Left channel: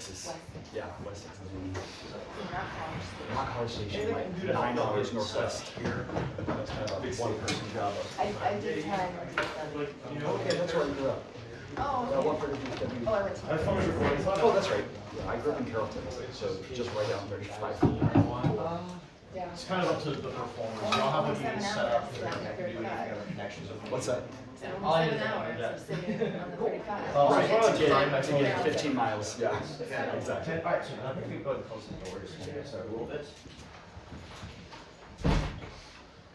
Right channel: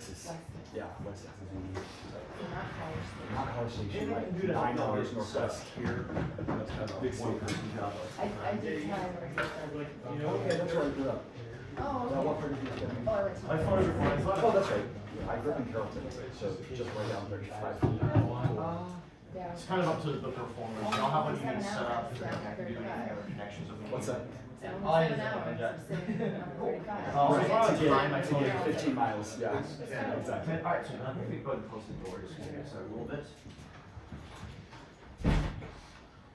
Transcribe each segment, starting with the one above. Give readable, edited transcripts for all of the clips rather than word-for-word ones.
6 is, yeah, West 6 is in, Not College Station, If we can do that, Pine don't Towers get Northwest stuck. here. It's kind of a one-person job. I did time. Okay, that's where I grew up. Oh, What part of the oh, that's How far is it going? Oh, that's right. I grew up in Carrollton, so just right down 35. yeah. It's kind of up to the performers. You know how when you set up, they're not going to do anything other connections. What's that? All you Seven do is hours yeah. of sitting on the 35. Oh, it's probably Yeah, designed by to get 15 miles, yeah, exactly. Alright, so I think we go ahead and close the door just to get started a little bit.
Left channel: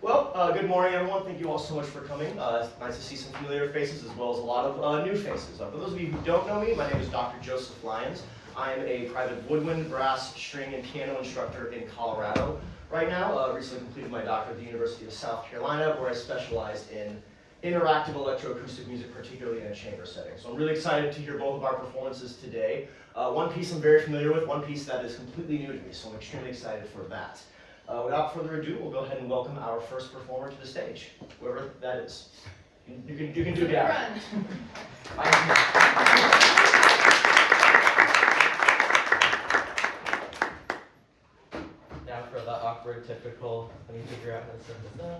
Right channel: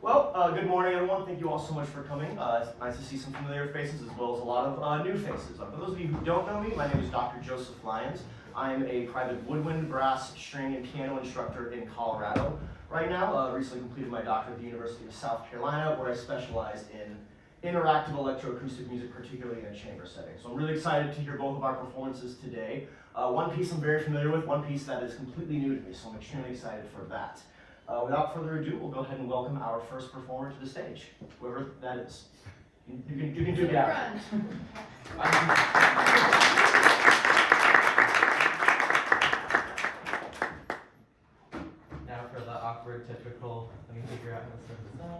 Well, good morning everyone. Thank you all so much for coming. It's nice to see some familiar faces as well as a lot of new faces. For those of you who don't know me, my name is Dr. Joseph Lyons. I'm a private woodwind, brass, string, and piano instructor in Colorado right now. Recently completed my doctorate at the University of South Carolina, where I specialized in interactive electroacoustic music, particularly in a chamber setting. So I'm really excited to hear both of our performances today. One piece I'm very familiar with, one piece that is completely new to me, so I'm extremely excited for that. Without further ado, we'll go ahead and welcome our first performer to the stage, whoever that is. You can do it out. Now for the awkward, typical, let me figure out how to set this up.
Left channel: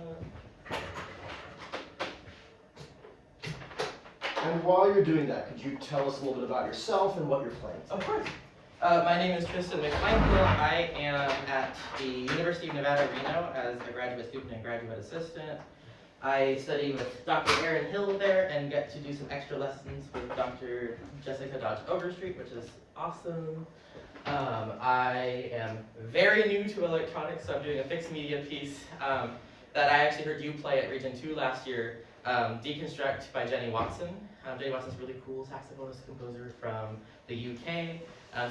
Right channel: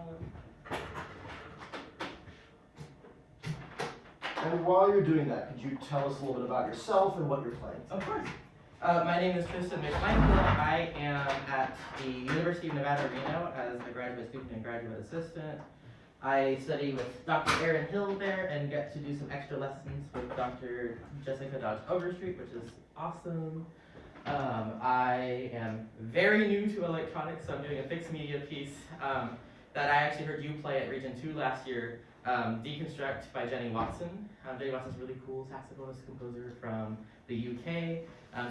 And while you're doing that, could you tell us a little bit about yourself and what you're playing? Of course. My name is Tristan McMichael. I am at the University of Nevada, Reno as a graduate student and graduate assistant. I study with Dr. Aaron Hill there and get to do some extra lessons with Dr. Jessica Dodge Overstreet, which is awesome. I am very new to electronics, so I'm doing a fixed media piece that I actually heard you play at Region 2 last year, Deconstruct by Jenny Watson. Jenny Watson's a really cool saxophonist composer from the UK.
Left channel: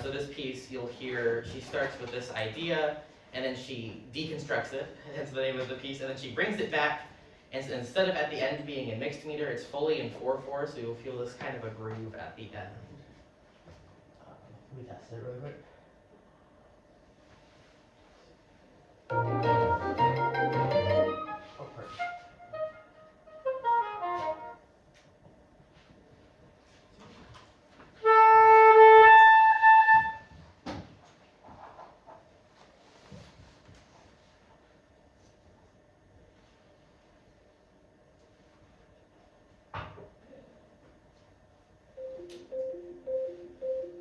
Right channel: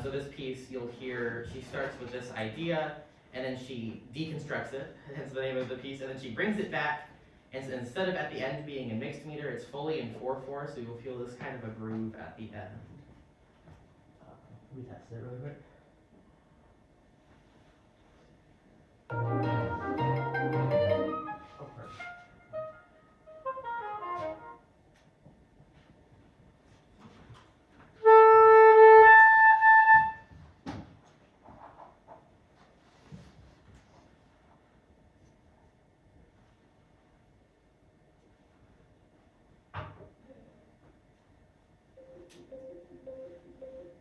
So this piece, you'll hear, she starts with this idea, and then she deconstructs it, hence the name of the piece, and then she brings it back, and so instead of at the end being in mixed meter, it's fully in 4/4, so you'll feel this kind of a groove at the end. Let me test it really quick. Oh, perfect.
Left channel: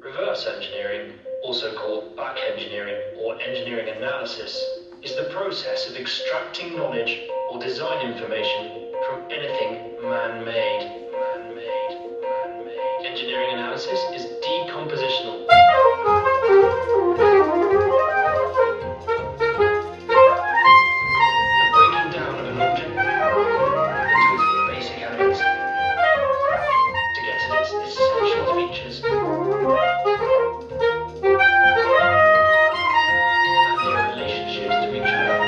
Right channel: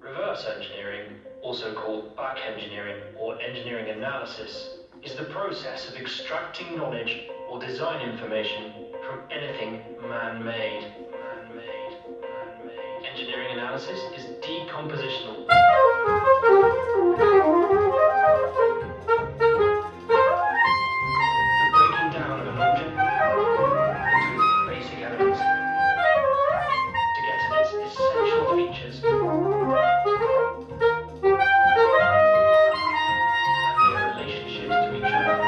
Reverse engineering, also called back engineering or engineering analysis, is the process of extracting knowledge or design information from anything man-made. Engineering analysis is decompositional. The breaking down of an object into its basic elements to get at its essential features and their relationships to each other.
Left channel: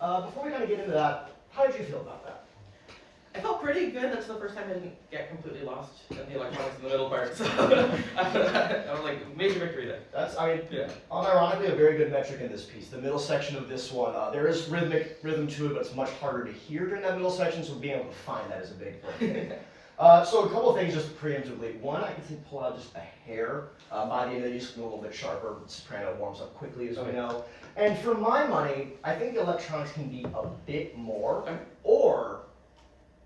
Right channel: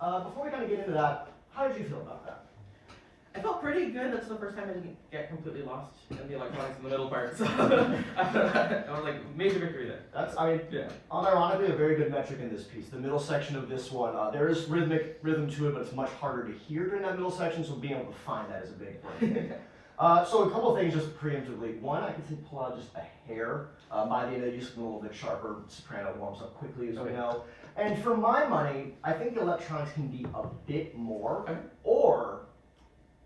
Before we kind of get into that, how did you feel about that? I felt pretty good. That's the first time I didn't get completely lost in the electronics in the middle part. So I was like, major victory there. That's, I mean, Yeah. unironically, a very good metric in this piece. The middle section of this one, there is rhythm to it, but it's much harder to hear during that middle section, so being able to find that is a big thing. So a couple things just preemptively. One, I can see pull out just a hair. By the end of it, just a little bit sharper. Soprano warms up quickly, as we know. And for my money, I think the electronics can be a bit more, or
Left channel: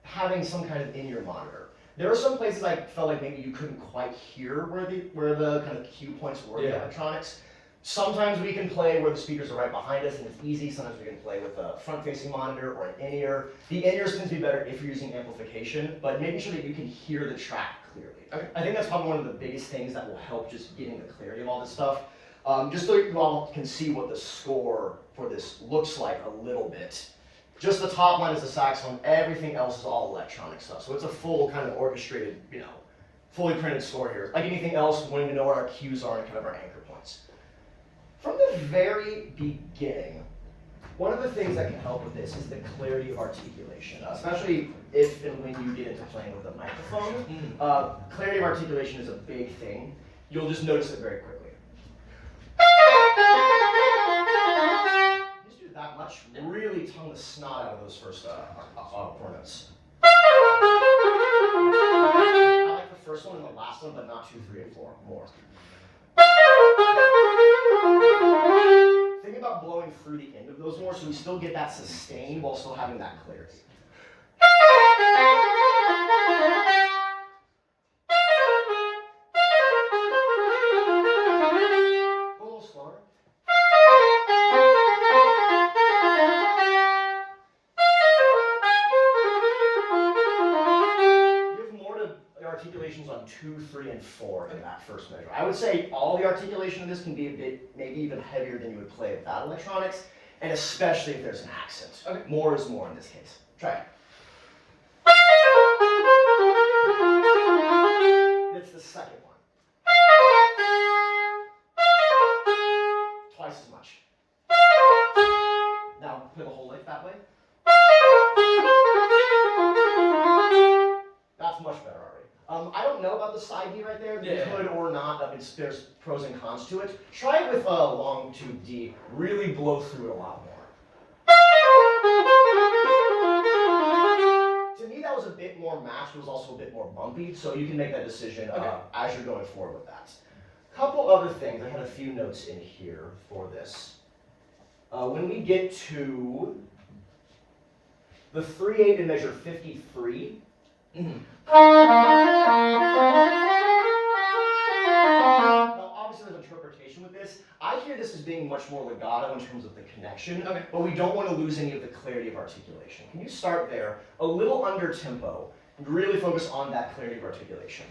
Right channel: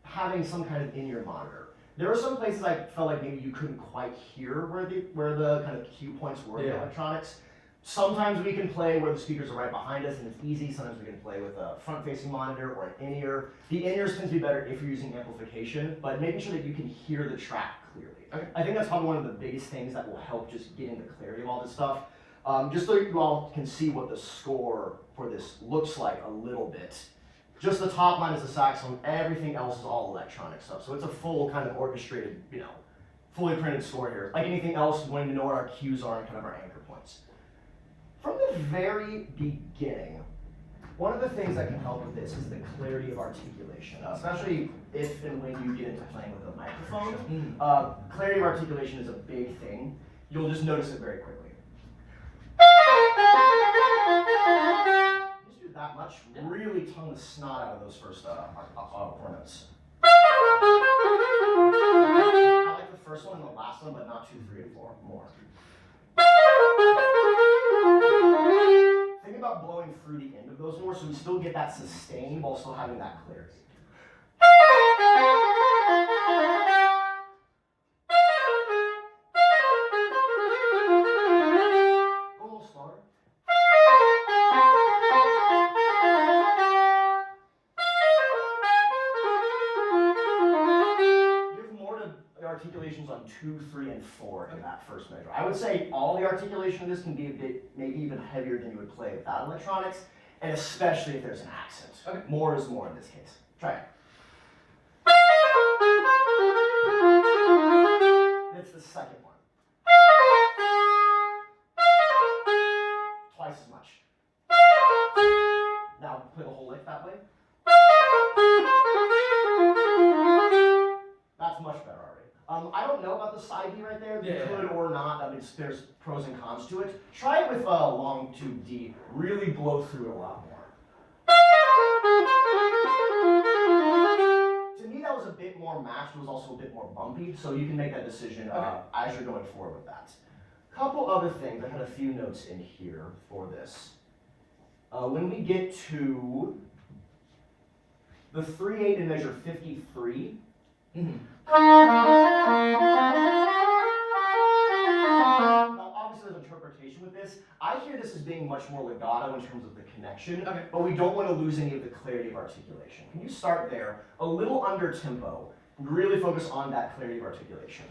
having some kind of in-ear monitor. There are some places I felt like maybe you couldn't quite hear where the kind of cue points were in the electronics. Sometimes we can play where the speakers are right behind us and it's easy. Sometimes we can play with a front-facing monitor or an in-ear. The in-ears tend to be better if you're using amplification, but making sure that you can hear the track clearly. Okay. I think that's probably one of the biggest things that will help just getting the clarity of all this stuff. Just so you all can see what the score for this looks like a little bit. Just the top line is the saxophone, everything else is all electronic stuff. So it's a full kind of orchestrated, fully printed score here. Like anything else, wanting to know what our cues are and kind of our anchor points. From the very beginning, one of the things that can help with this is the clarity of articulation, especially if and when you get into playing with a microphone. Clarity of articulation is a big thing. You'll just notice it very quickly. Just do that much, really tongue the snot out of those first four notes. I like the first one and the last one, but not 2, 3, and 4. More. Think about blowing through the end of those more so we still get that sustain while still having that clarity. Go a little slower. Give more to articulations on 2, 3, and 4 in that first measure. I would say all the articulation of this can be a bit, maybe even heavier than you would play without electronics, and especially if there's an accent. Okay. More is more in this case. Try it. It's the second one. Twice as much. Now play the whole lick that way. That's much better already. I don't know about the side B right there. You could or not. I mean, there's pros and cons to it. Try it with a long tube D. Really blow through it a lot more. To me, that was a bit more matched. It was also a bit more bumpy, so you can make that decision as you're going forward with that. Couple other things. I had a few notes in here for this. When we get to the 3/8 in measure 53, now, obviously there's interpretation with this. I hear this as being much more legato in terms of the connection, but we don't want to lose any of the clarity of articulation. Can you start there, a little under tempo, and really focus on that clarity of articulation?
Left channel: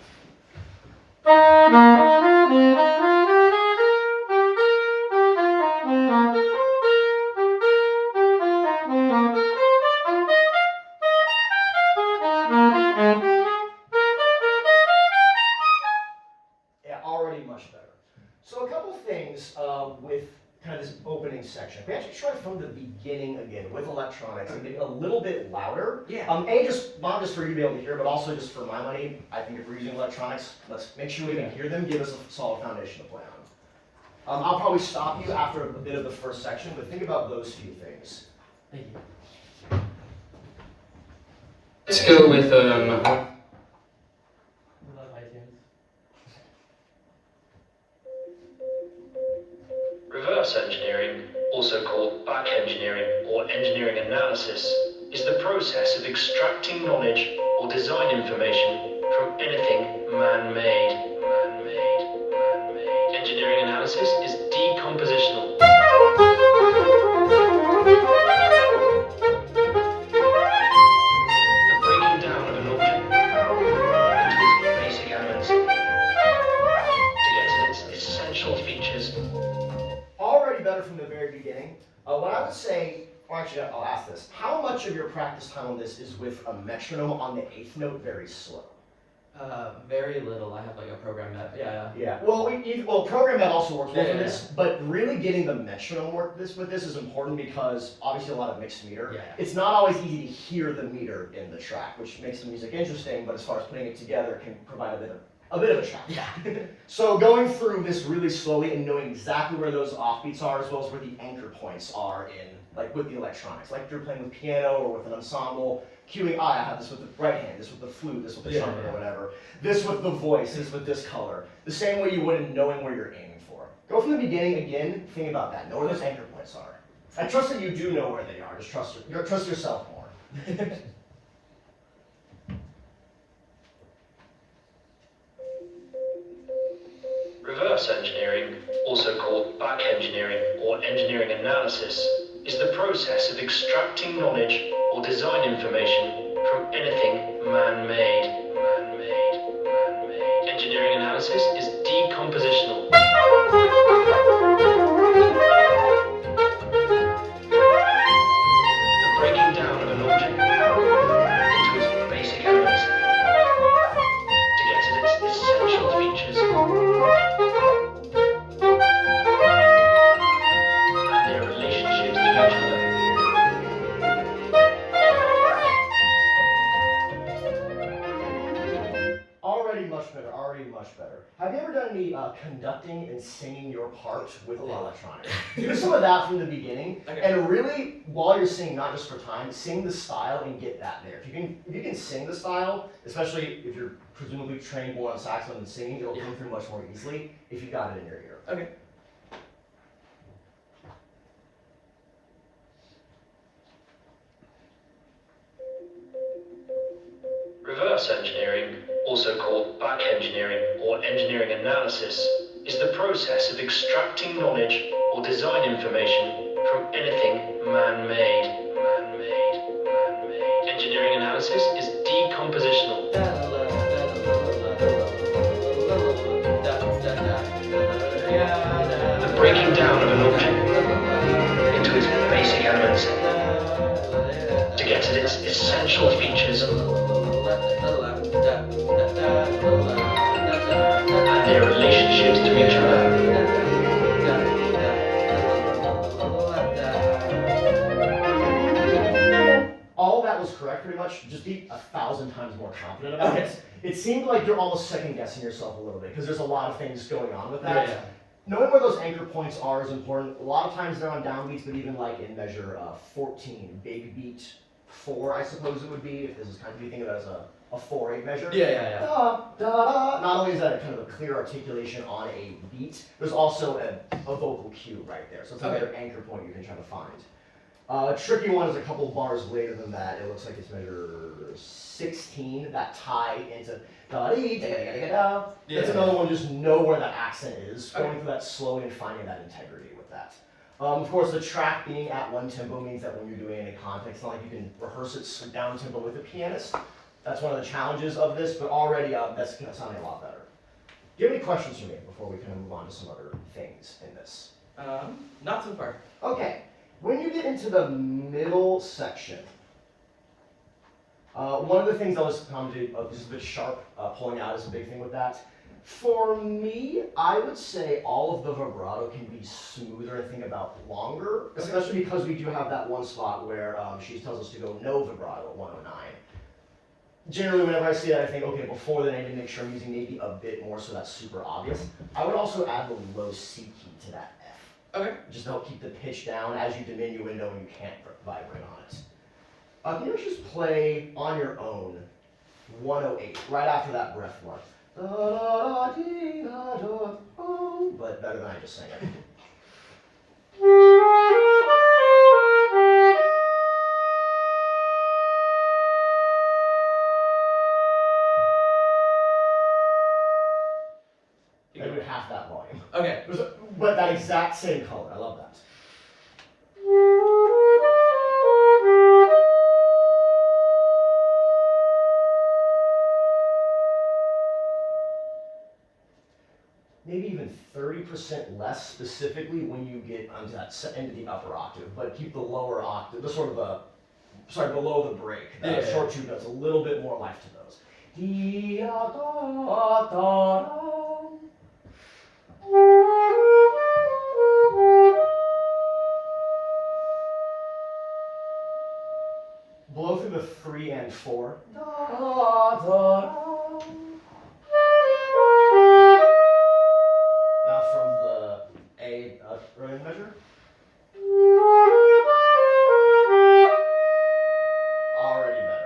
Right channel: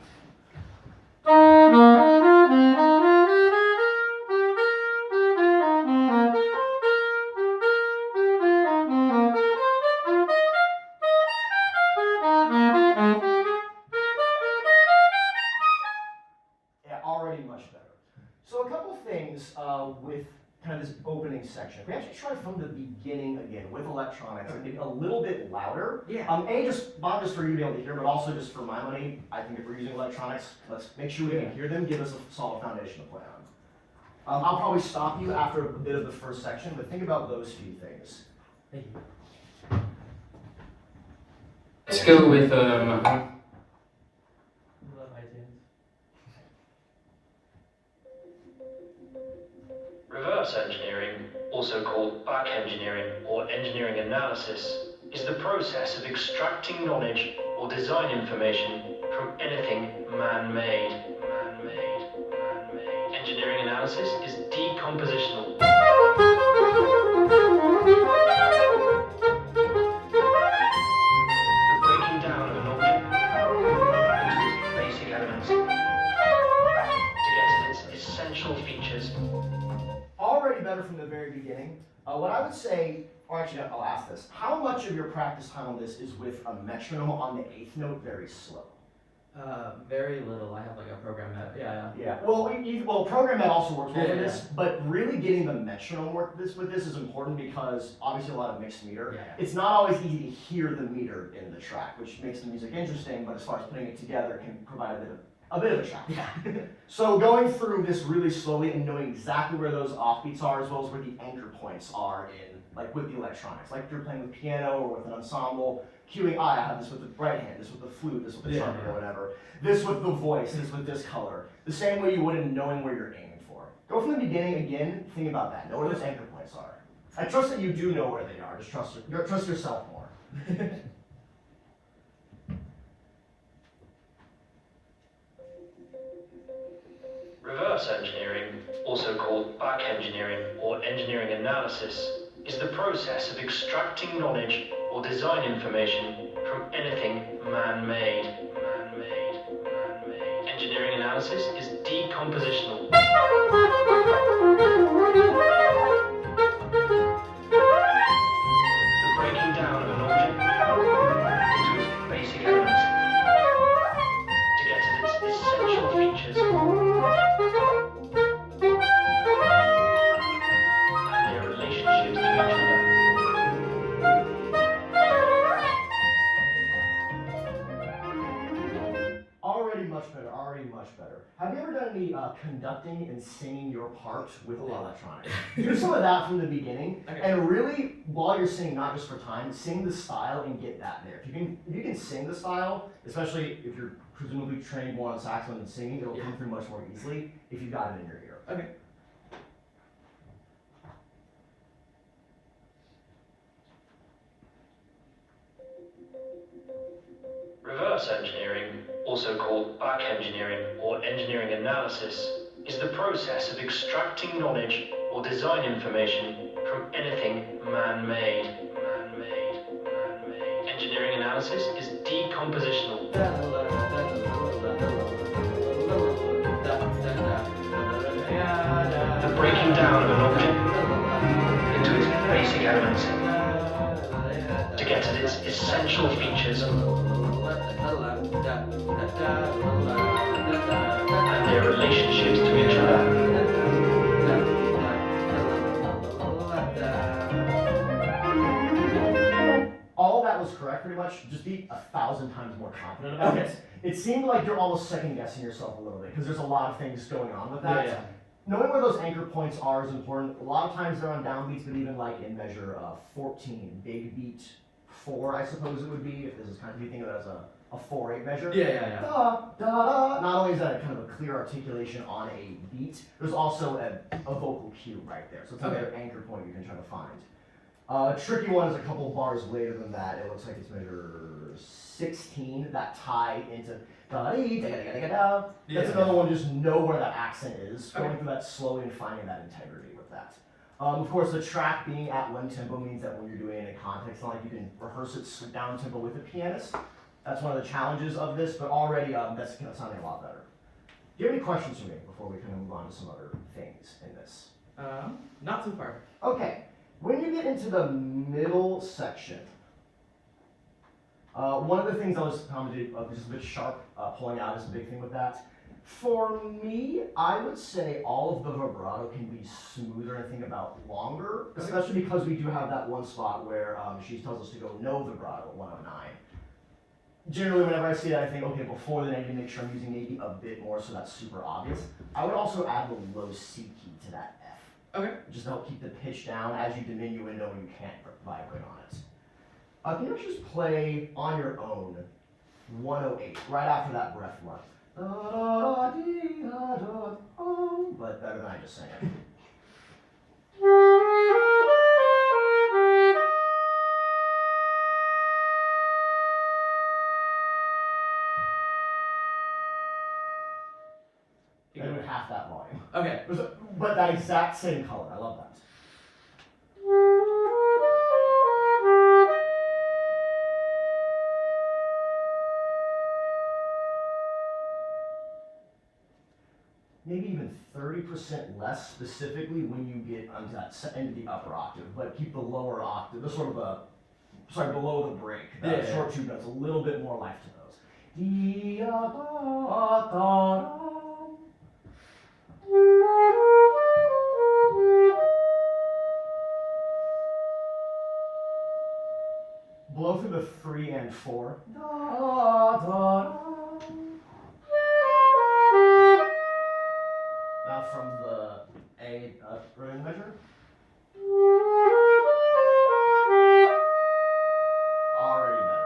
With kind of this opening section. We actually try from the beginning again with electronics and make it a little bit louder. Not just for you to be able to hear, but also just for my money. I think if we're using electronics, let's make sure we can hear them, give us a solid foundation to play on. I'll probably stop you after a bit of the first section, but think about those few things. Thank you. Let's go with Reverse engineering, also called back engineering or engineering analysis, is the process of extracting knowledge or design information from anything man-made. Engineering analysis is decompositional. The breaking down of an object into its basic elements to get to its essential features. Already better from the very beginning. What I would say, or actually I'll ask this, how much of your practice time on this is with a metronome on the 8th note very slow? Very little. I have like a program that, yeah. Yeah, well, program that also works well Yeah, for yeah, this, but really getting the metronome work with this is important because obviously a lot of mixed meter. Yeah. It's not always easy to hear the meter in the track, which makes the music interesting, but as far as putting it together can provide a bit of a challenge. Yeah. So going through this really slowly and knowing exactly where those offbeats are as well as where the anchor points are in, like with the electronics, like if you're playing with piano or with an ensemble, cueing, I have this with the right hand, this with the flute, this with the trumpet or whatever, this with the voice, this with this color, the same way you would in knowing where you're aiming for. Go from the beginning again, think about that, know where those anchor points are. I trust that you do know where they are, just trust yourself more. Reverse engineering, also called back engineering or engineering analysis, is the process of extracting knowledge or design information from anything man-made. Engineering analysis is decompositional. The breaking down of an object into its basic elements to get at its essential features and their relationships to each other. Already much better. Have you ever done any conducting and singing your part with the electronics? Do some of that from the beginning, Okay. and really, while you're singing, not just for time, sing the style and get that there. If you can sing the style, especially if you're presumably trained more on saxophone and singing, it'll come through much more easily if you've got it in your ear. Okay. Reverse engineering, also called back engineering or engineering analysis, is the process of extracting knowledge or design information from anything man-made. Engineering analysis is decompositional. The breaking down of an object into its basic elements to get at its essential features and their relationships to each other. All that was correct pretty much, just be 1,000 times more confident about it. It seemed like you're almost second guessing yourself a little bit because there's a lot of things going on with that. Yeah. Knowing where those anchor points are is important. A lot of times they're on downbeats, but even like in measure 14, big beat 4, I suppose it would be, if this is kind of, if you think of it as a 4/8 measure. Yeah. Da, da, da. Not only is that kind of a clear articulation on a beat, there's also a vocal cue right there. So it's another anchor point you can try to find. A tricky one is a couple bars later than that. It looks like it's measure 16, that tie into da-dee, da-da-da-da-da. That's another one, just know where that accent is, going through that slowly and finding that integrity with that. Of course, the track being at one tempo means that when you're doing it in context, it's not like you can rehearse it down tempo with a pianist. That's one of the challenges of this, but already that's sounding a lot better. Do you have any questions for me before we kind of move on to some other things in this? Not so far. Okay, when you get into the middle section, one of the things I was commenting, just a bit sharp, pulling out is a big thing with that. For me, I would say all of the vibrato can be smoother and think about longer, especially because we do have that one spot where she tells us to go no vibrato at 109. Generally, whenever I see that, I think, okay, before then I need to make sure I'm using maybe a bit more so that's super obvious. I would also add the low C key to that F. Okay. Just to help keep the pitch down as you diminuendo and you can't vibrate on it. Can you just play on your own 108, right after that breath one? But better than I just sang it. I do half that volume. Okay. But that exact same color, I love that. Maybe even 30% less specifically when you get onto that end of the upper octave, but keep the lower octave, the sort of below the break, the short two notes, a little bit more life to those. Blow through the 3 and 4. Da, da. Now from the A running measure. Already better.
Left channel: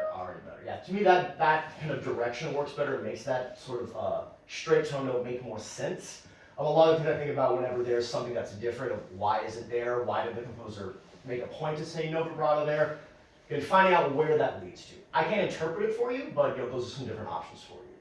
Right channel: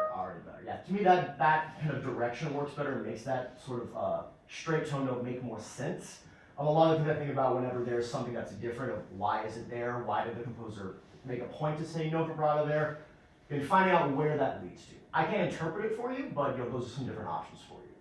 Yeah, to me that kind of direction works better. It makes that sort of straight tone note make more sense. A lot of things I think about whenever there's something that's different, of why is it there? Why did the composer make a point to say no vibrato there? And finding out where that leads to. I can't interpret it for you, but those are some different options for you.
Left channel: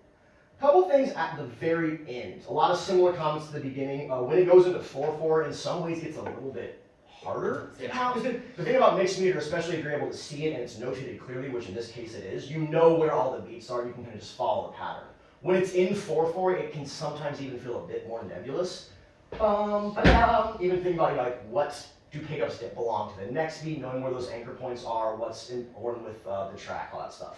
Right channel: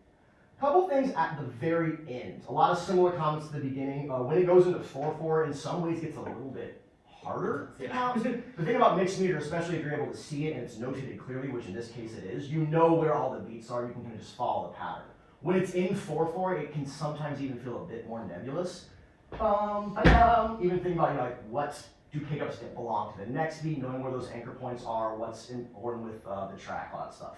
Couple things at the very end. A lot of similar comments at the beginning. When it goes into 4/4, in some ways gets a little bit harder. Yeah. The thing about mixed meter, especially if you're able to see it and it's notated clearly, which in this case it is, you know where all the beats are. You can kind of just follow the pattern. When it's in 4/4, it can sometimes even feel a bit more nebulous. Even think about like what do pickups that belong to the next beat, knowing where those anchor points are, what's important with the track, all that stuff.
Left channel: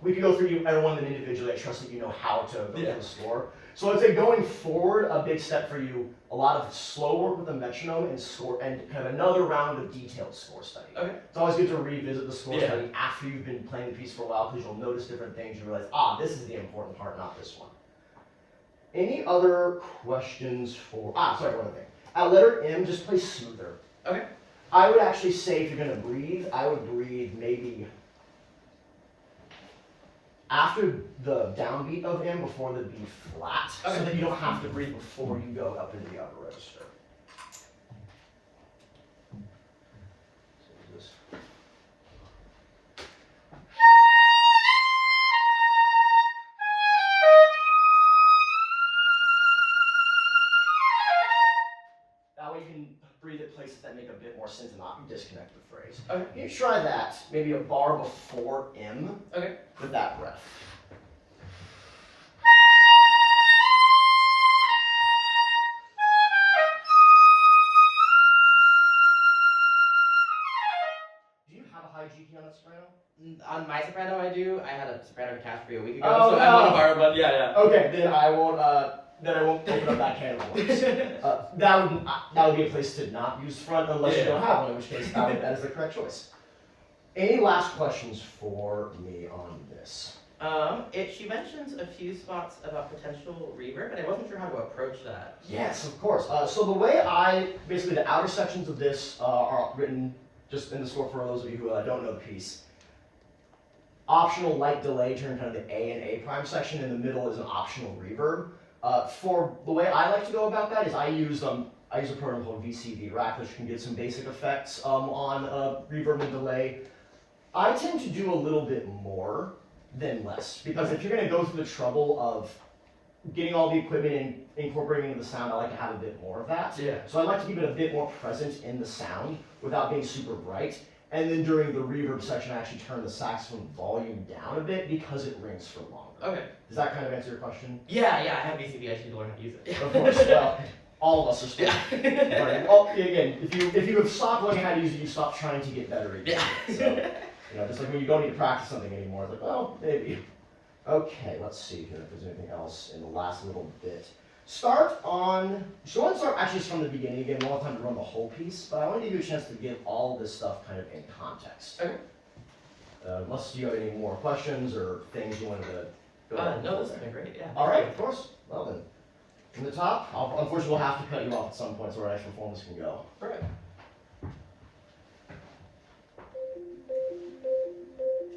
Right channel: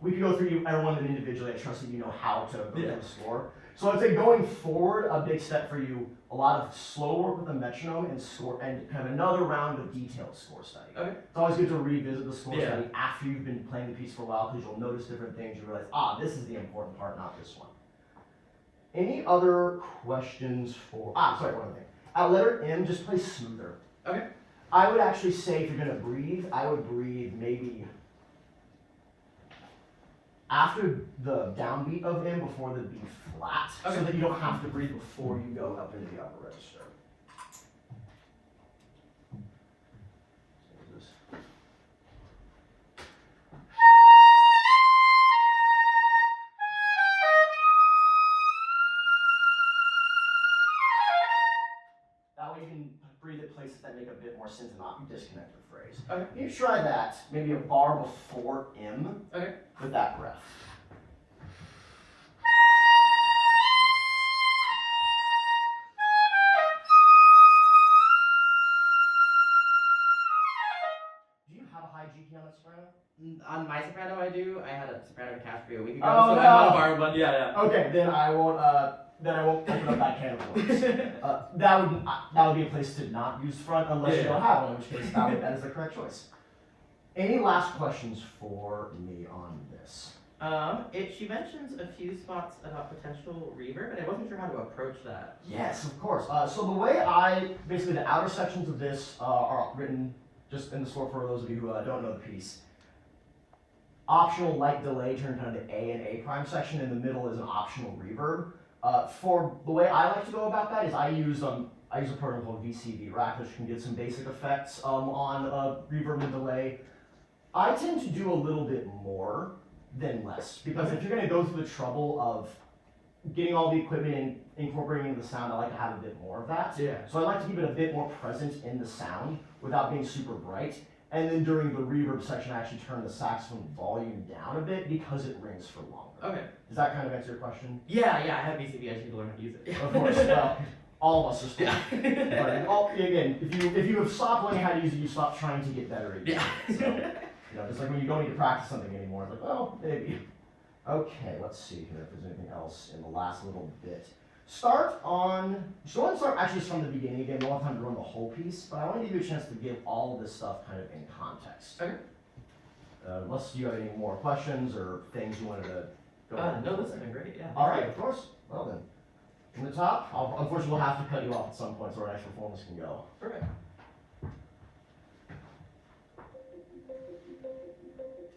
We can go through every one of them individually. I trust that you know how to go through the score. So I'd say going forward, a big step for you, a lot of slow work with the metronome and score, and kind of another round of detailed score study. Okay. It's always good to revisit the score study after you've been playing the piece for a while, because you'll notice different things. You realize, this is the important part, not this one. Any other questions for, sorry, one other thing. At letter M, just play smoother. Okay. I would actually say if you're gonna breathe, I would breathe maybe after the downbeat of M before the B flat, so that you don't have to breathe before you go up into the upper register. So this. That way you can breathe at places that make a bit more sense and not disconnect the phrase. Okay. You try that, maybe a bar before M with that breath. Do you have a high G key on that soprano? On my soprano, I do. I had a soprano catastrophe a week ago, Oh, so I want to borrow one. Yeah. Okay, then I won't open up that can of worms. That would be a place to not use front unless you don't have one, in which case that is the correct choice. Any last questions for me on this? She mentions a few spots about potential reverb, and I wasn't sure how to approach that. Yes, of course. So the way basically the outer sections of this are written just in the score for those of you who don't know the piece. Optional light delay turn kind of the A and A prime section. In the middle is an optional reverb. For the way I like to go about that is I use a program called VCV Rack, which can get some basic effects on reverb and delay. I tend to do a little bit more than less, because if you're going to go through the trouble of getting all the equipment and incorporating into the sound, I like to have a bit more of that. Yeah. So I like to keep it a bit more present in the sound without being super bright. And then during the reverb section, I actually turn the saxophone volume down a bit because it rings for longer. Okay. Does that kind of answer your question? Yeah, I have VCV. I just need to learn how to use it. Of course. Well, all of us are still learning. Well, again, if you have stopped learning how to use it, you stop trying to get better at using it. So, just like when you don't need to practice something anymore, it's like, well, maybe. Okay, let's see here if there's anything else in the last little bit. So I want to start actually from the beginning again. We won't have time to run the whole piece, but I want to give you a chance to get all of this stuff kind of in context. Okay. Unless you have any more questions or things you wanted to go over. No, this has been great, yeah. All right, of course. Well then, from the top, unfortunately we'll have to cut you off at some point so our actual performance can go. Perfect.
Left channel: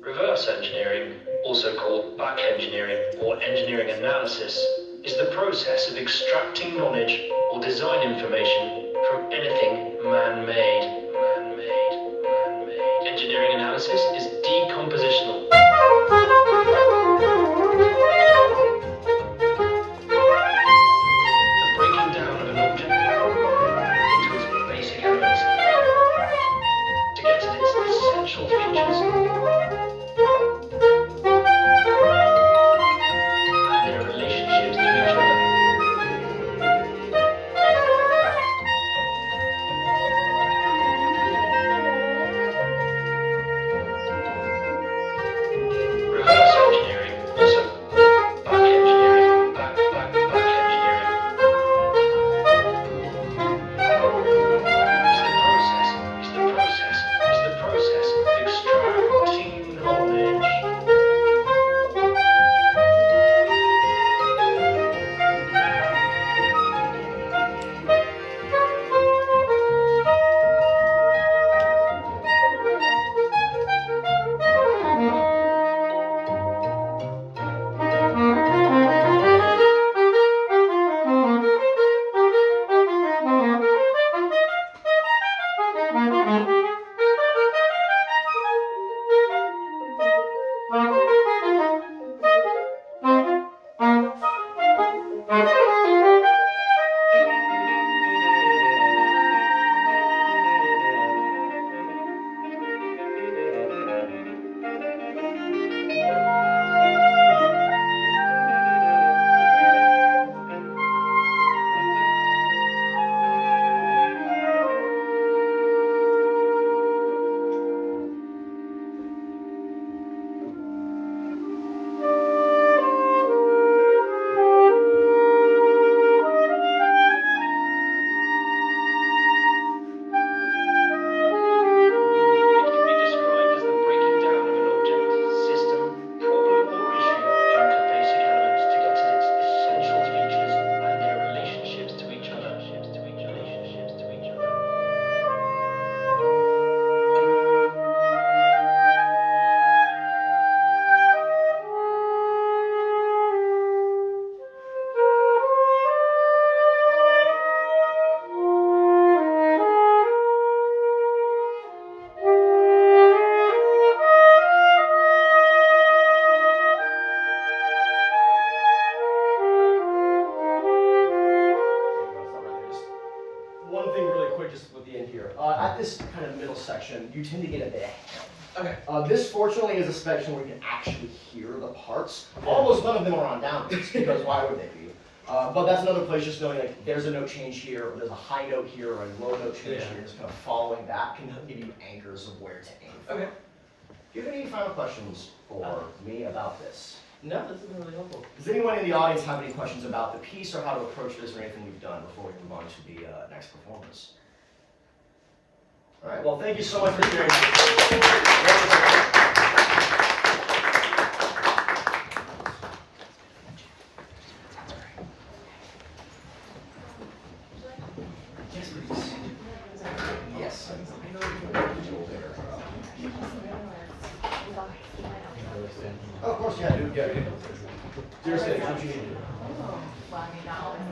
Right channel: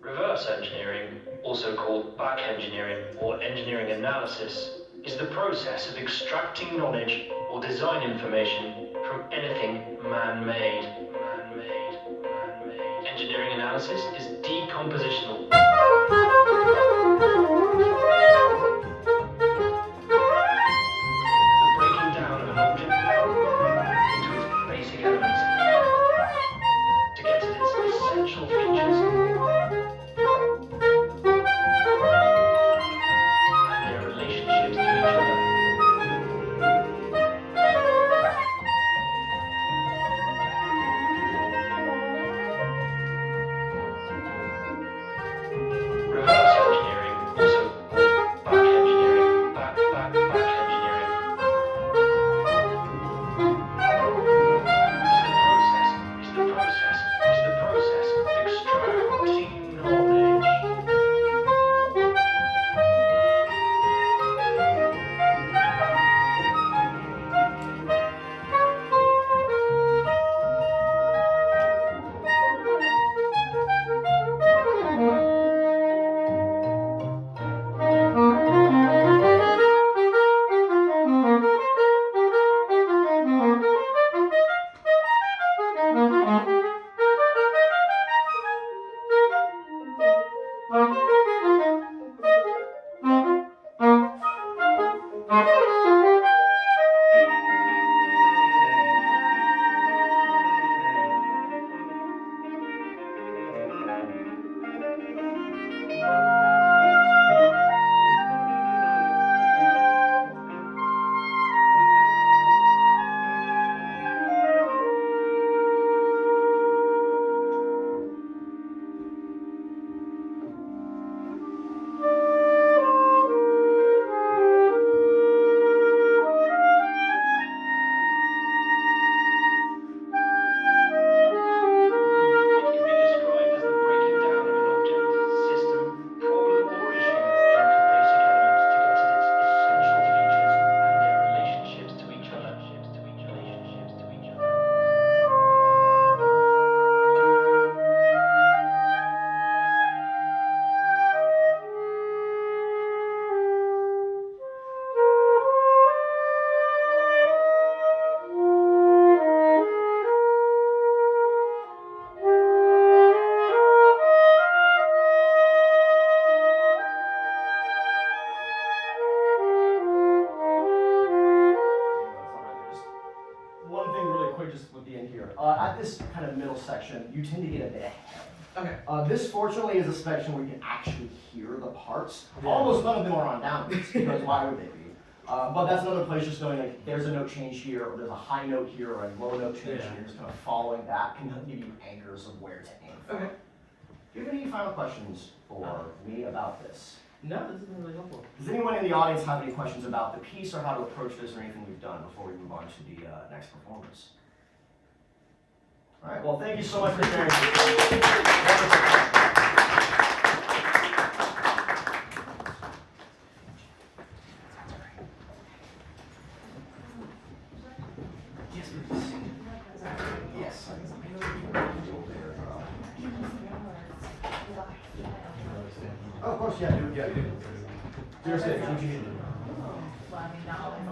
Reverse engineering, also called back engineering or engineering analysis, is the process of extracting knowledge or design information from anything man-made. Engineering analysis is decompositional. The breaking down of an object into its basic elements to get to its essential features. Reverse at this kind of middle section, you tend to get a bit ahead. Okay. This fortunately is a section where you can actually hear the parts. Almost none of them are on downbeats, because why would they be? But that's another place just knowing like there's a note change here, or there's a high note here, or a low note change here, just kind of following that can give you anchors of where to aim. Okay. Do you have any final questions for me about this? No, this has been really helpful. Does anyone in the audience have any questions about the piece or how to approach this or anything we've done before we move on to the next performance? All right, well, thank you so much for sharing. Yes, please. Yes. Oh, of course, yeah, dude, yeah, dude. Seriously, what you need to do. Well, I mean, not always.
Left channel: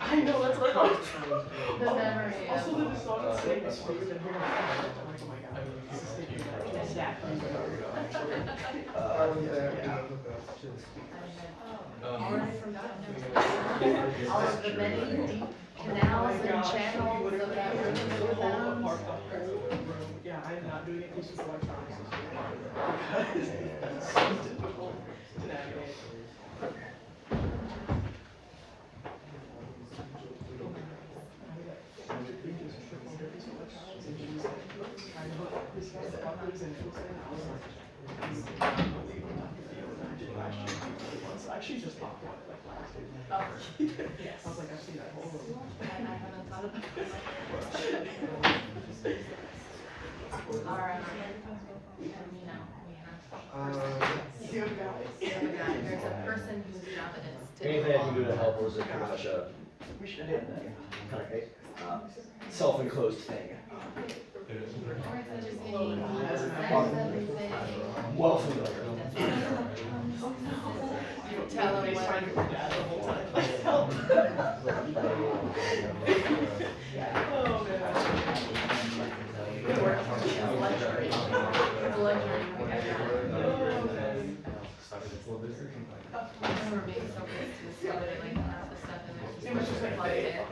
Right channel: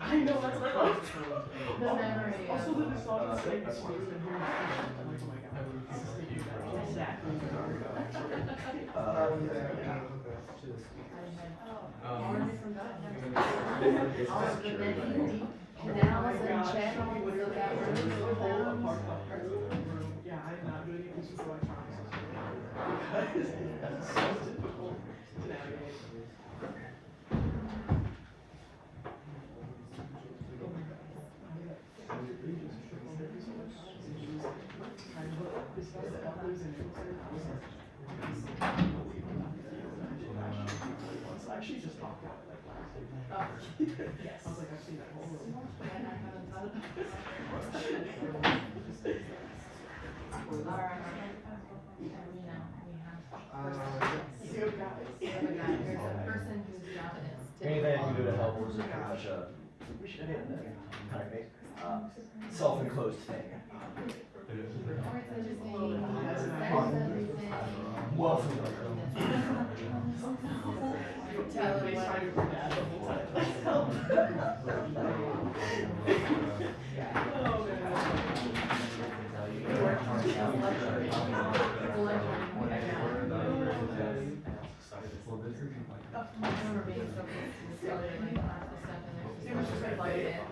I know, it's like, The memory also of. the song is saying That's The many canals and channels of that river sound. yeah, I am not doing it, this is electronics. Actually, just talked about it like last week. Yes. I was like, I've seen that whole movie. I haven't thought about it. All right. And, you know, we have. There's a person whose job it is to. Anything I can do to help, or is it kind of a kind of self-enclosed thing? Well familiar. Tell them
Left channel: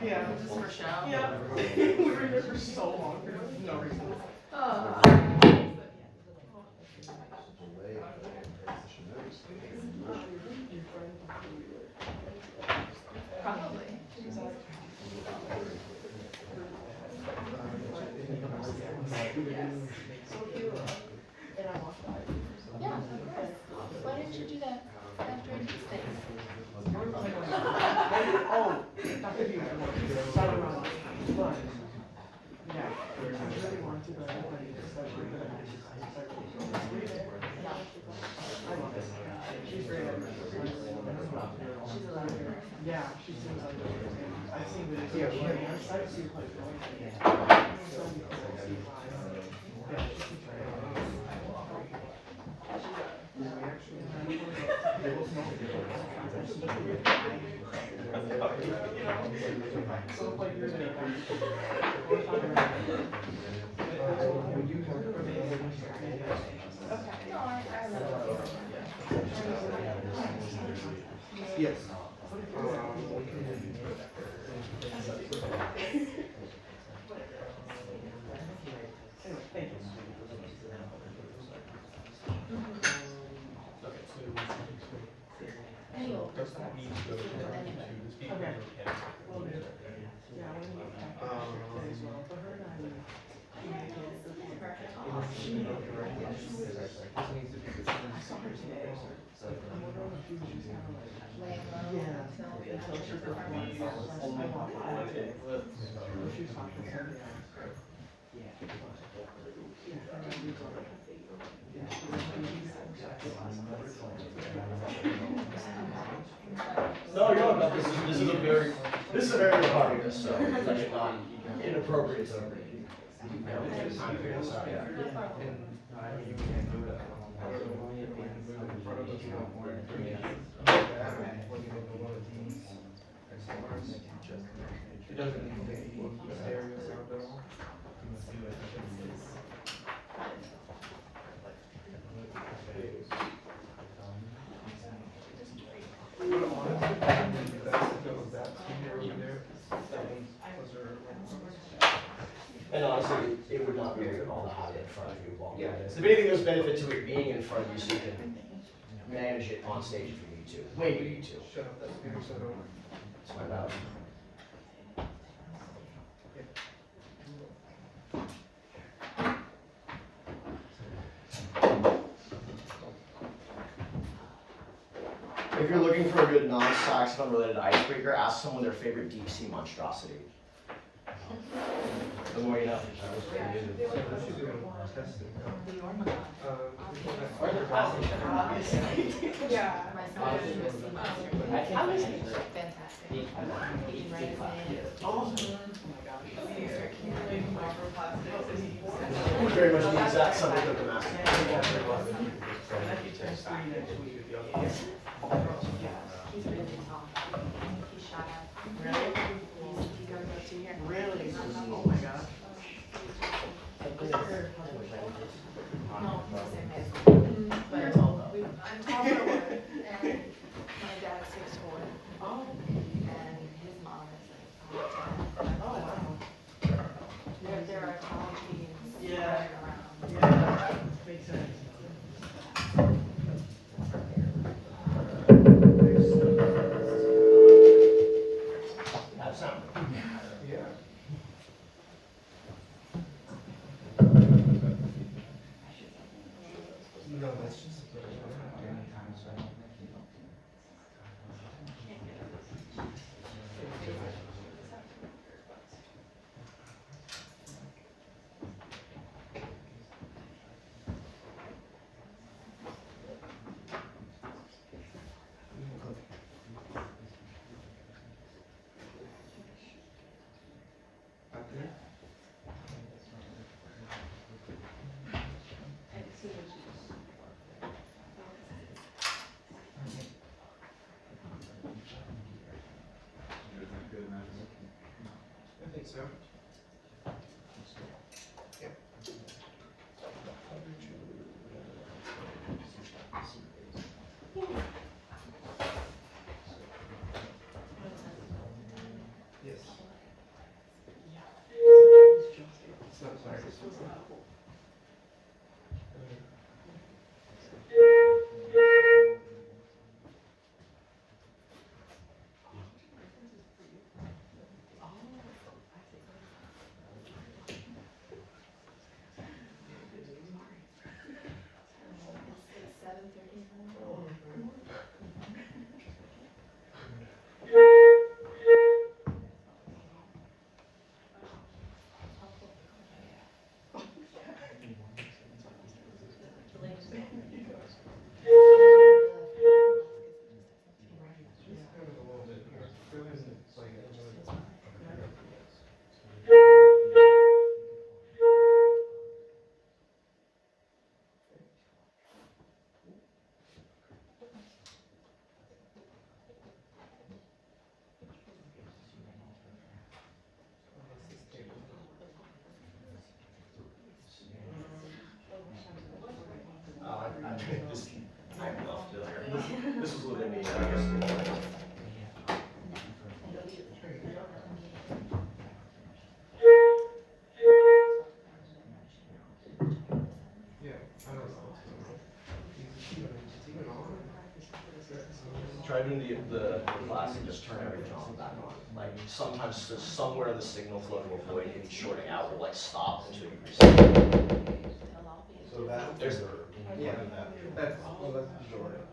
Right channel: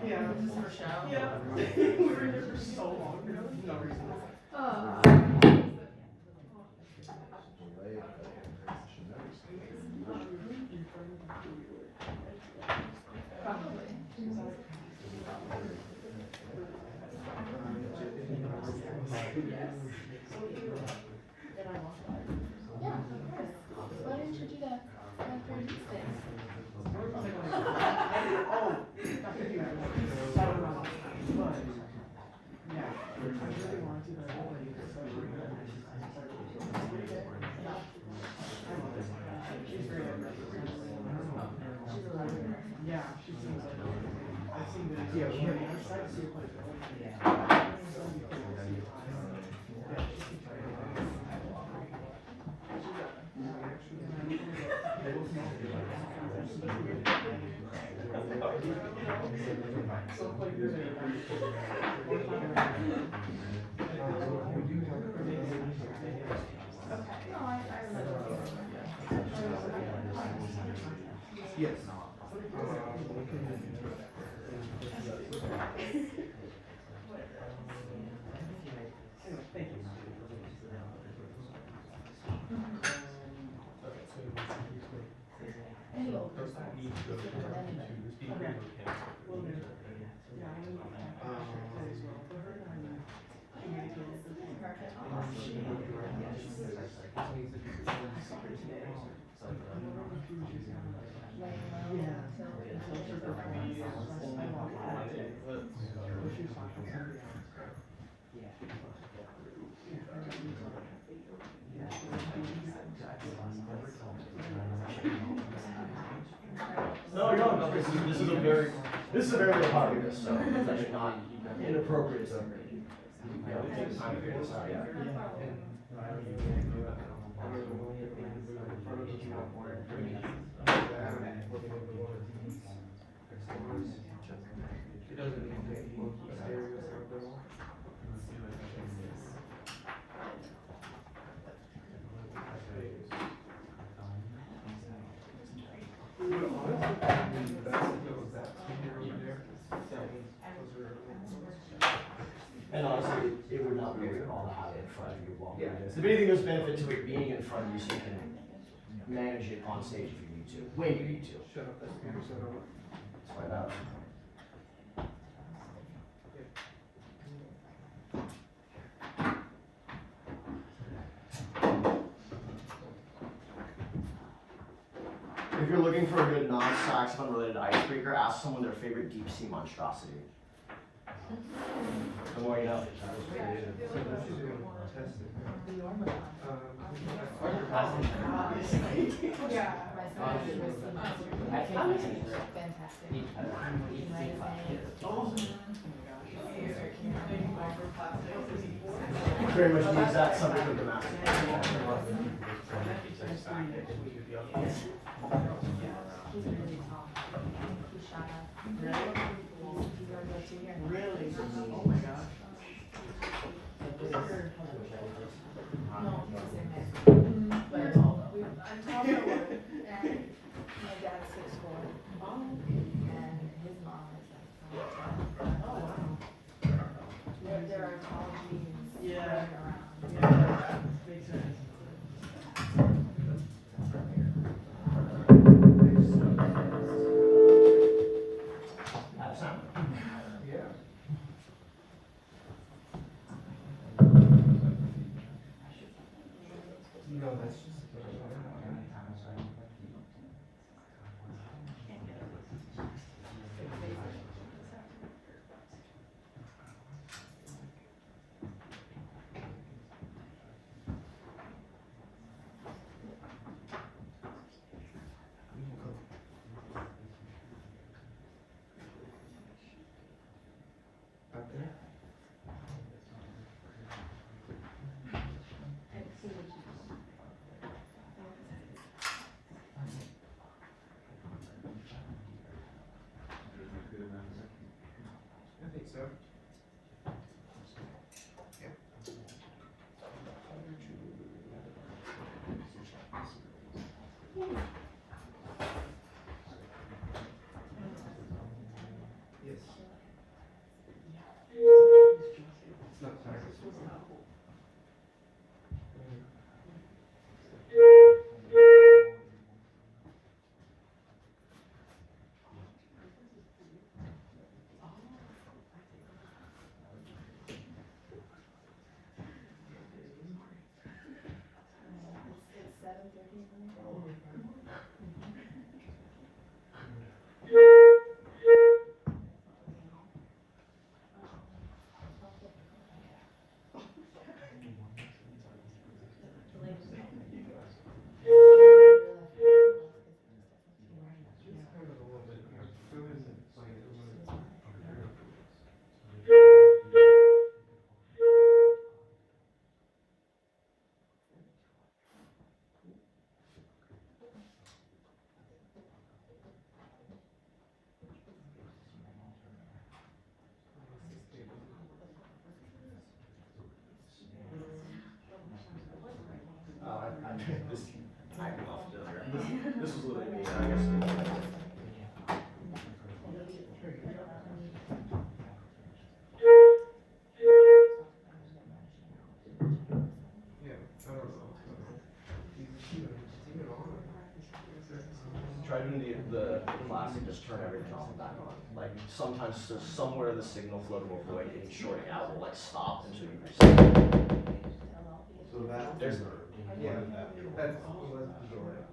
Yeah. for show. Yeah. We were here for so long. No reason. Why didn't you do that after you did things? Oh, that could be one. Yeah. I really wanted to, but I yeah, she seems like I've seen videos. Yeah, I mean, I've started to see her play. Yeah. Yes. No, you're not. This is a very good part of this, so it's actually not inappropriate. it would not be weird at all to have it in front of you while doing this. If anything, there's benefit to it being in front of you so you can manage it on stage if you need to, when you need to. Shut up that speaker so don't. That's my bad. If you're looking for a good non-saxophone related icebreaker, ask someone their favorite deep sea monstrosity. The more you know. Yeah. Very much the exact subject of the Masterclass. He's really tall. He's shot up. Really? Oh my gosh. No, I'm talking about it. And my dad's 6'4". Oh. And his mom is like 5'10". Oh, wow. There are tall teens Yeah. running around. Yeah. Makes sense. Have sound. Yeah. No, that's just. Out there? I think so. Yeah. Yes. It's not sorry. It's 7:30. Just kind of a little bit here. Feeling like it was. I'm not familiar. This was literally me, I guess. Yeah, I don't know what's going on. It's even on. Try doing the classic, just turn everything off and back on. Like sometimes there's somewhere in the signal flow to avoid any shorting out will like stop until you reset. So that. There's Yeah, that's, well, that's the majority.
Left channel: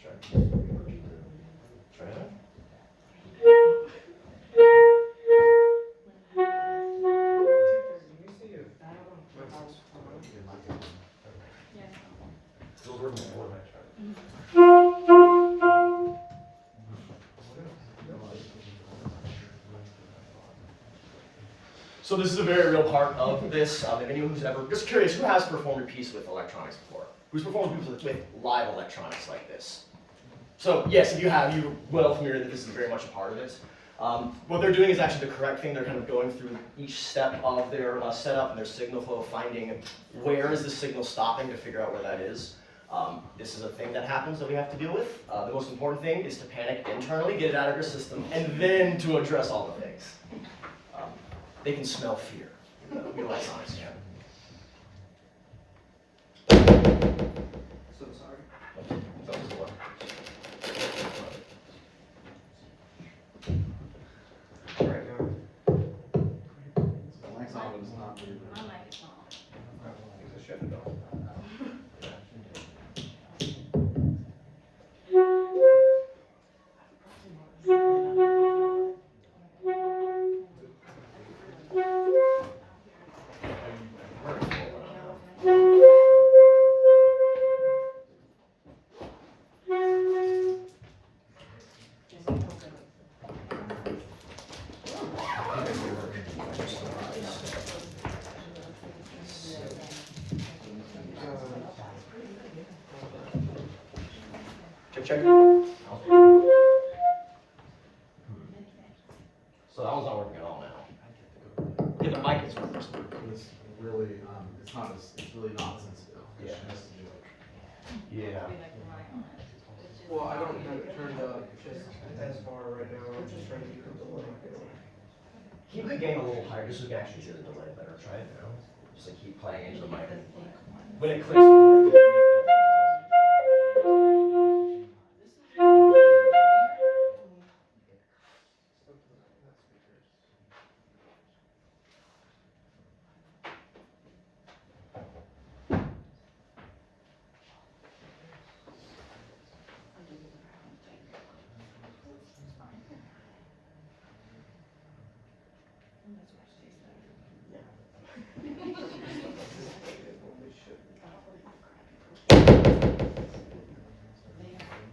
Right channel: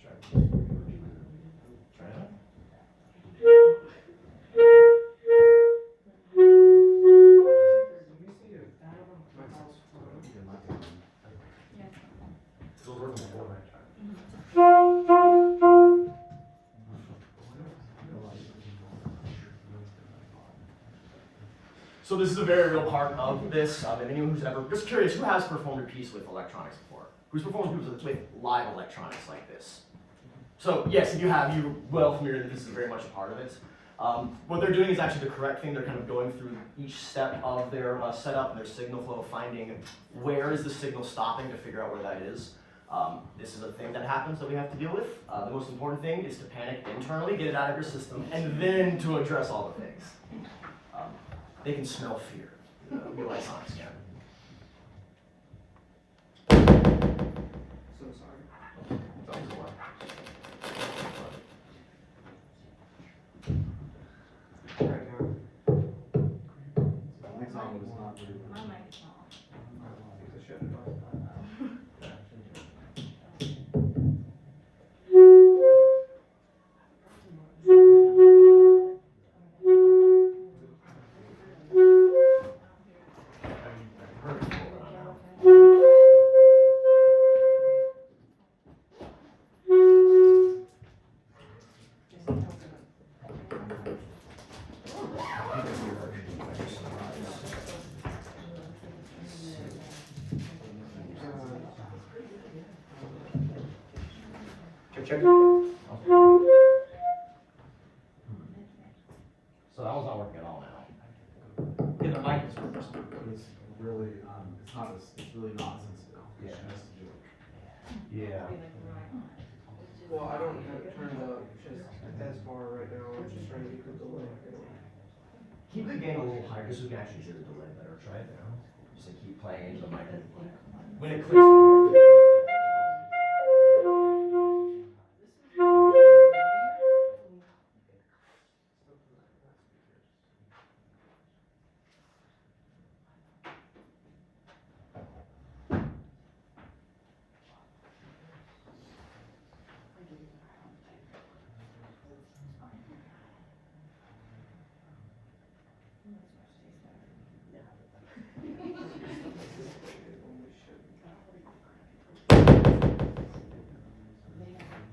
Sure. Try it. Let me see if my house. Still working before. So this is a very real part of this. And anyone who's ever, just curious, who has performed a piece with electronics before? Who's performed a piece with live electronics like this? So yes, if you have, you're well familiar that this is very much a part of it. What they're doing is actually the correct thing. They're kind of going through each step of their setup and their signal flow, finding where is the signal stopping to figure out where that is. This is a thing that happens that we have to deal with. The most important thing is to panic internally, get it out of your system, and then to address all the things. They can smell fear. Your lights on, yeah. So sorry. That was the one. Right now. Mic's on, but it's not really. My mic is not on. Because I shut it off. Check, check. So that one's not working at all now. Yeah, the mic is working. It's really, it's really not sensitive. Yeah. It has to do it. Yeah. Be like right on it. Well, I don't have it turned up just as far right now. I'm just trying to get the delay. Keep the gain a little higher, just so we can actually hear the delay better. Try it now. Just like keep playing into the mic. When it clicks.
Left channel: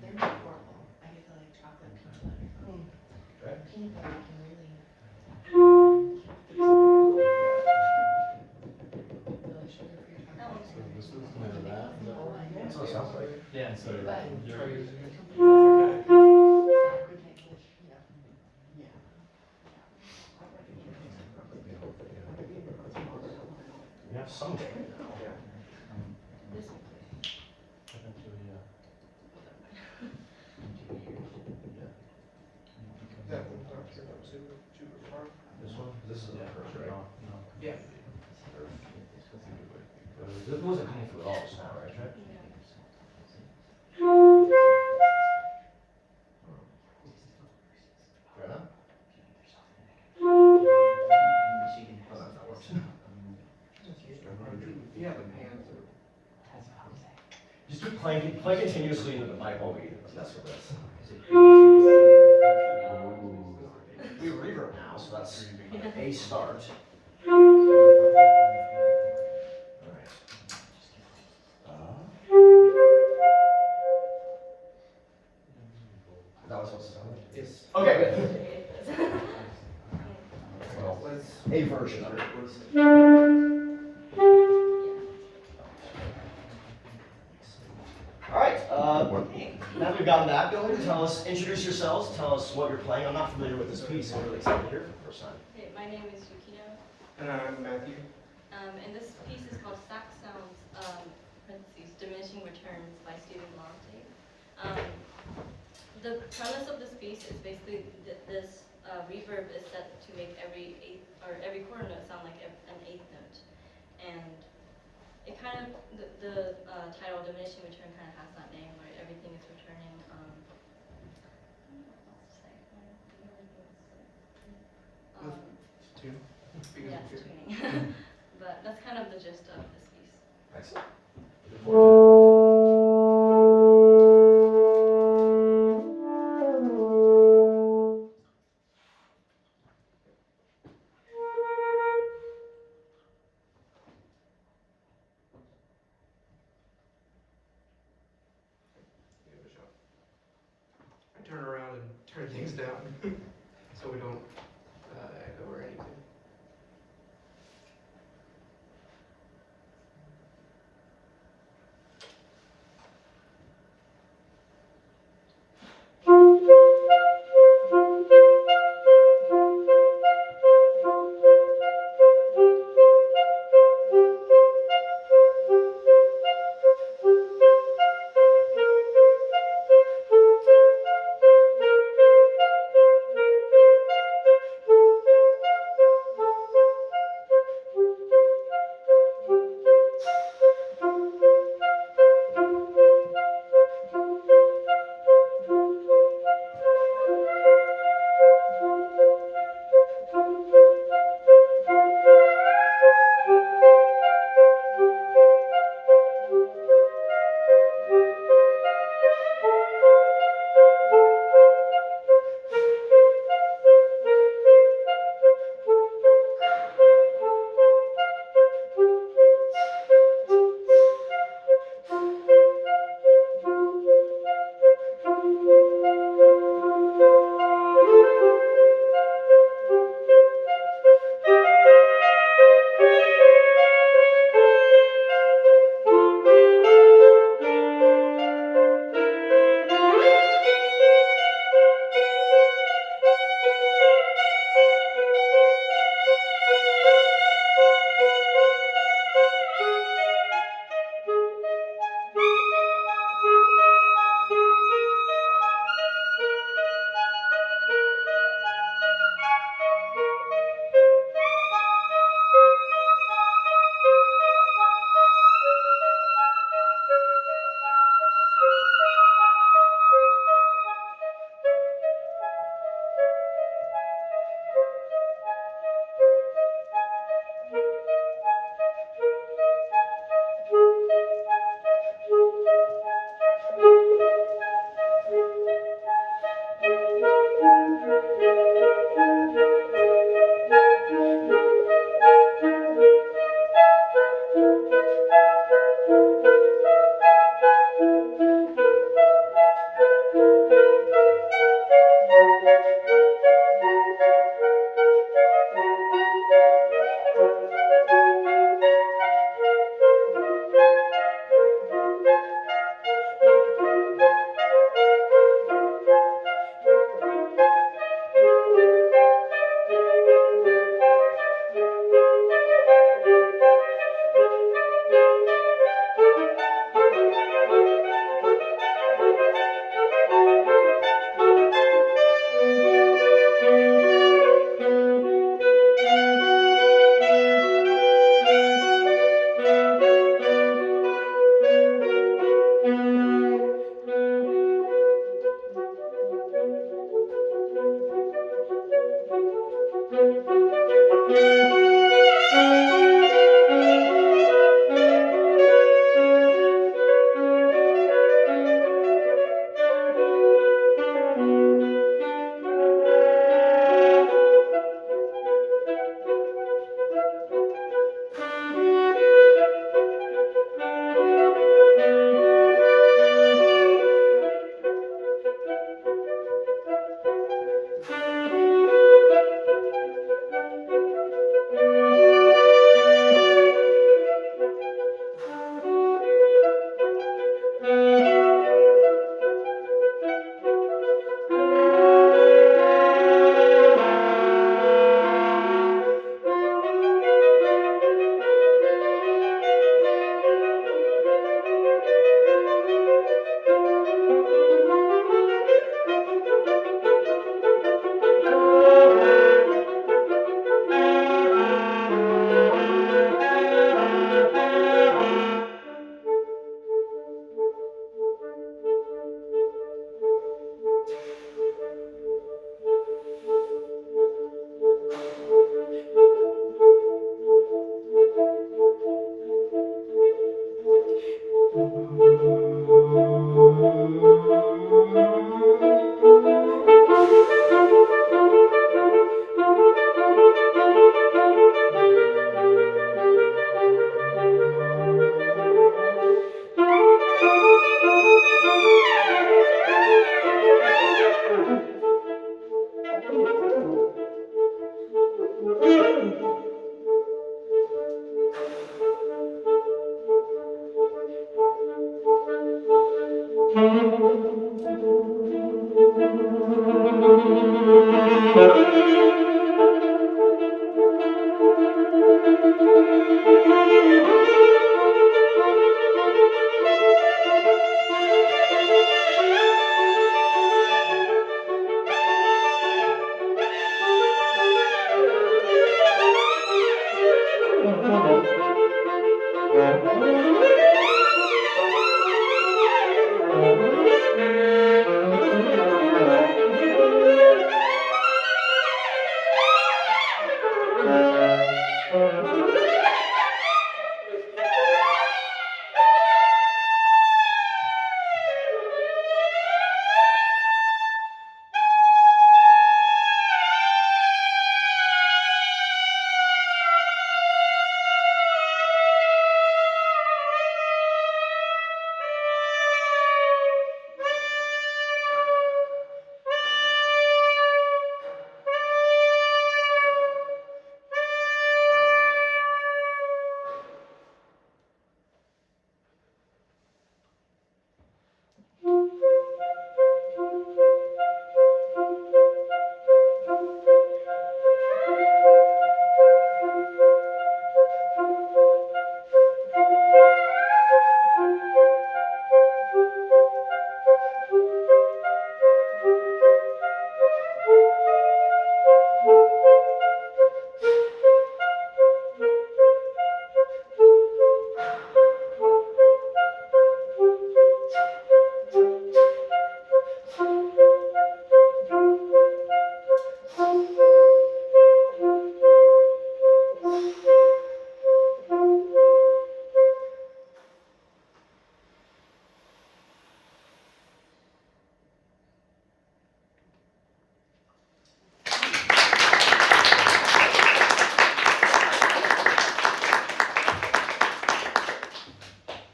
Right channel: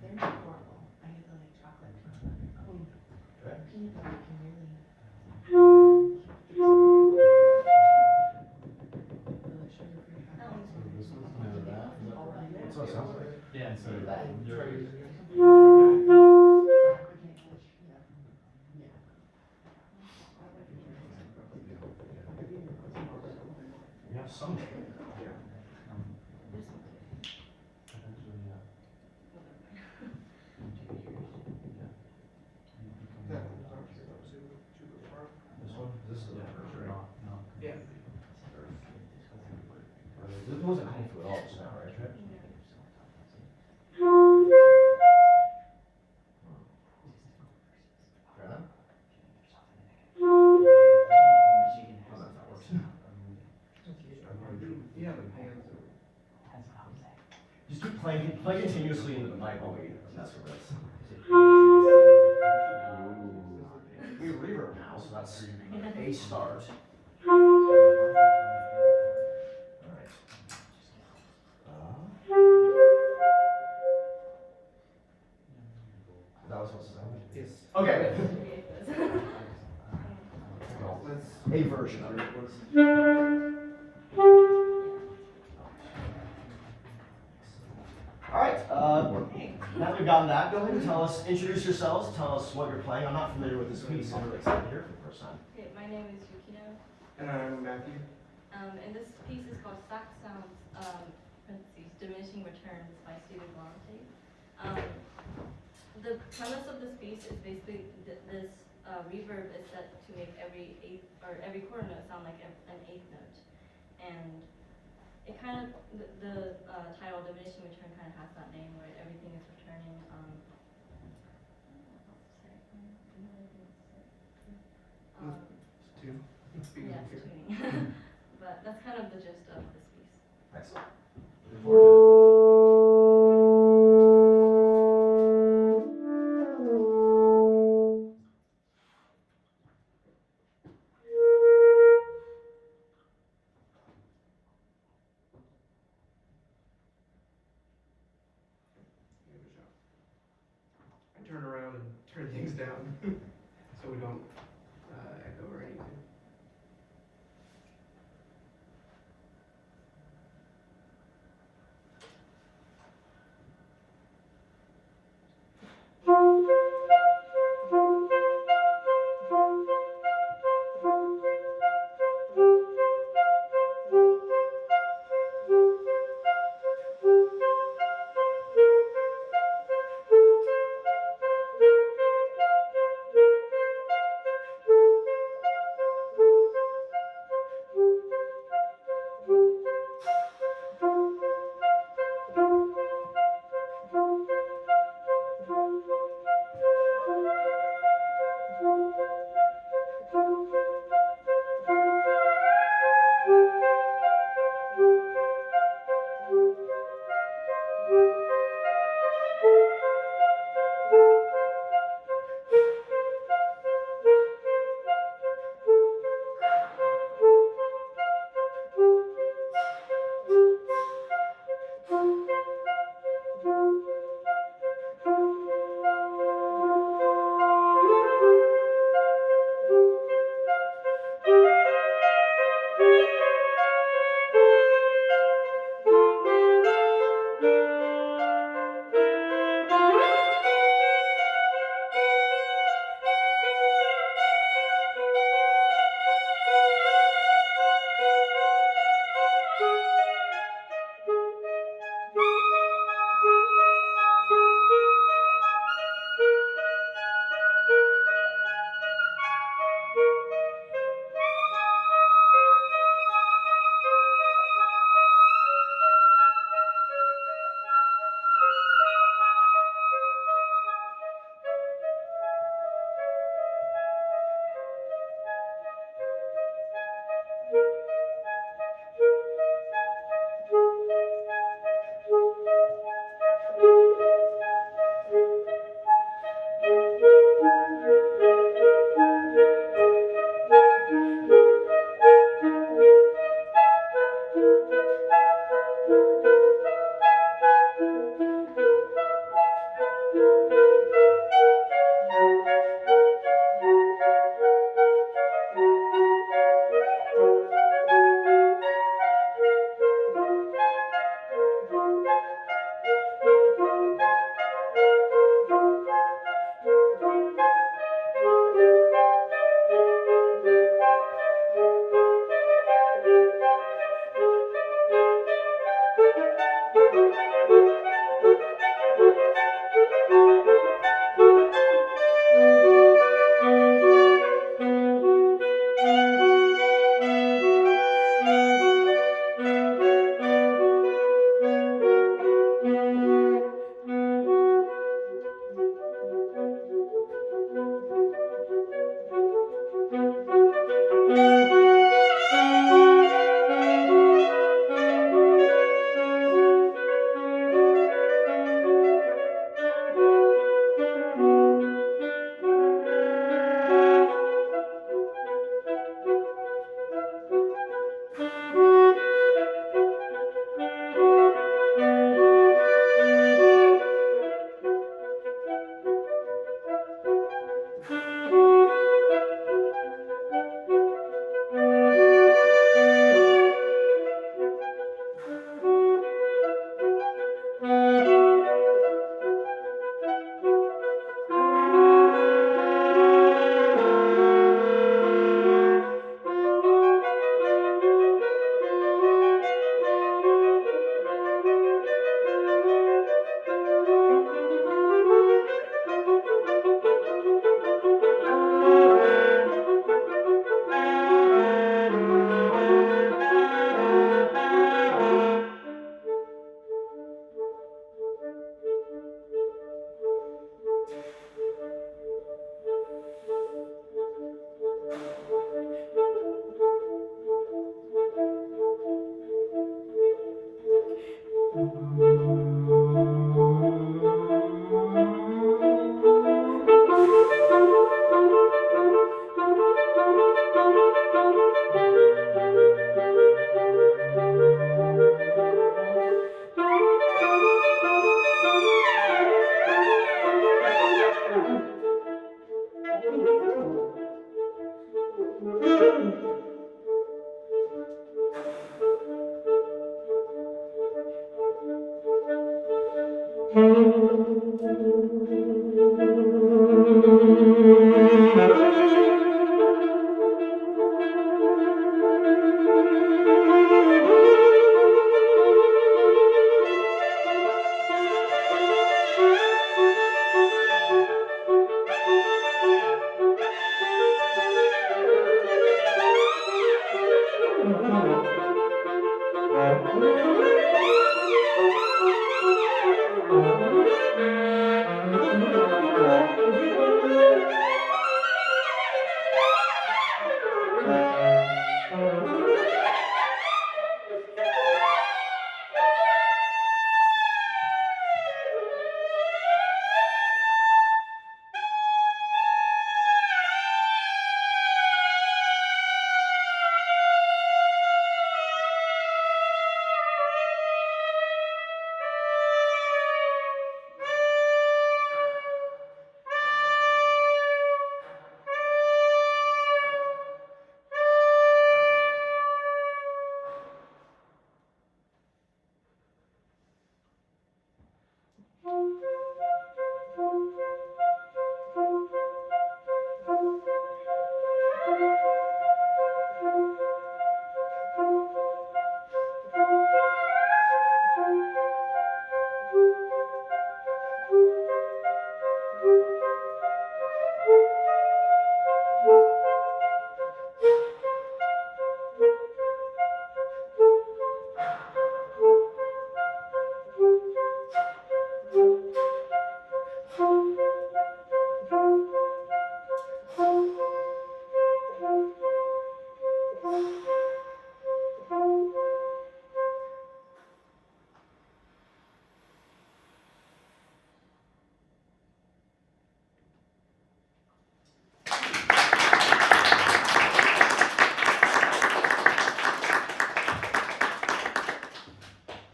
They're not horrible. I get the like chocolate peanut butter. Peanut butter can really. The sugar-free chocolate. So this one's coming out of that. That's what it sounds like. Yeah, so. Try using it. Yeah, some gain now. This one. That one's not super far. This one? This is the first, right? Yeah. This wasn't coming through at all just now, right? Trent? Fair enough. Oh, that's not working. Yeah, the pans Just keep play continuously into the mic while we mess with this. We have reverb now, so that's a start. Alright. That was supposed to sound like. Yes. Okay, good. Well, Let's. a version of it. Alright, now we've gotten that going, introduce yourselves, tell us what you're playing. I'm not familiar with this piece, I'm really excited to hear it for the first time. Okay, my name is Yukino, And I'm Matthew. and this piece is called Sax Sounds, parentheses, Diminishing Returns by Stephen Galante. The premise of this piece is basically this reverb is set to make every quarter note sound like an eighth note. And it kind of, the title Diminishing Return kind of has that name where everything is returning, Two. yeah, it's tuning. But that's kind of the gist of this piece. Excellent. Give it a shot. I turn around and turn things down so we don't echo or anything.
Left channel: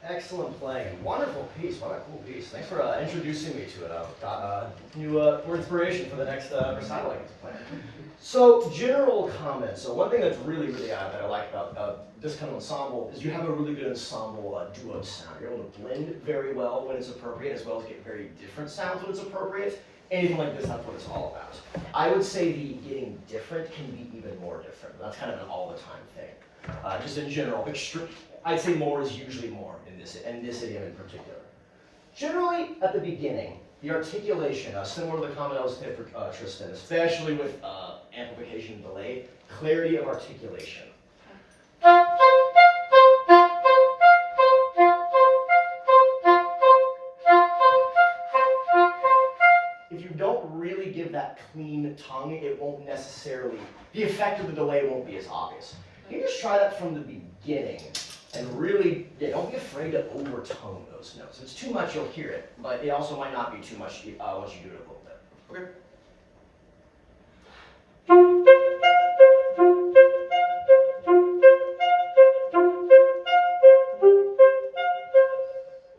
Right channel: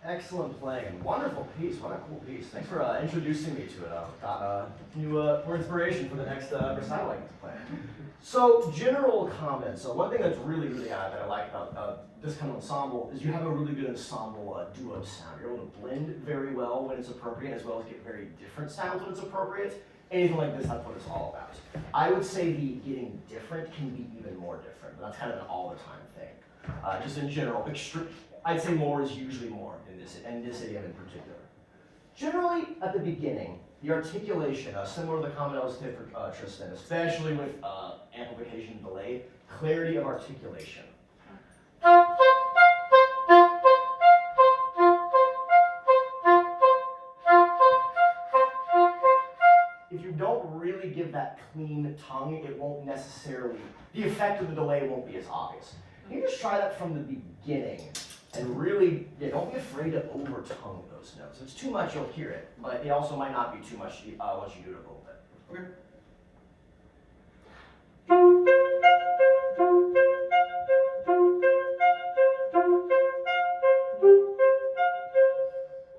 Excellent playing. Wonderful piece. What a cool piece. Thanks for introducing me to it. I've got new more inspiration for the next recital I get to play. So, general comments. So, one thing that's really, really that I like about this kind of ensemble is you have a really good ensemble duo sound. You're able to blend very well when it's appropriate, as well as get very different sounds when it's appropriate. Anything like this, that's what it's all about. I would say the getting different can be even more different. That's kind of an all-the-time thing. Just in general, I'd say more is usually more in this idiom in particular. Generally, at the beginning, the articulation, similar to the comment I was saying for Tristan, especially with amplification delay, clarity of articulation. If you don't really give that clean tongue, it won't necessarily, the effect of the delay won't be as obvious. You just try that from the beginning and really, don't be afraid to overtone those notes. If it's too much, you'll hear it, but it also might not be too much once you do it a little bit. Okay.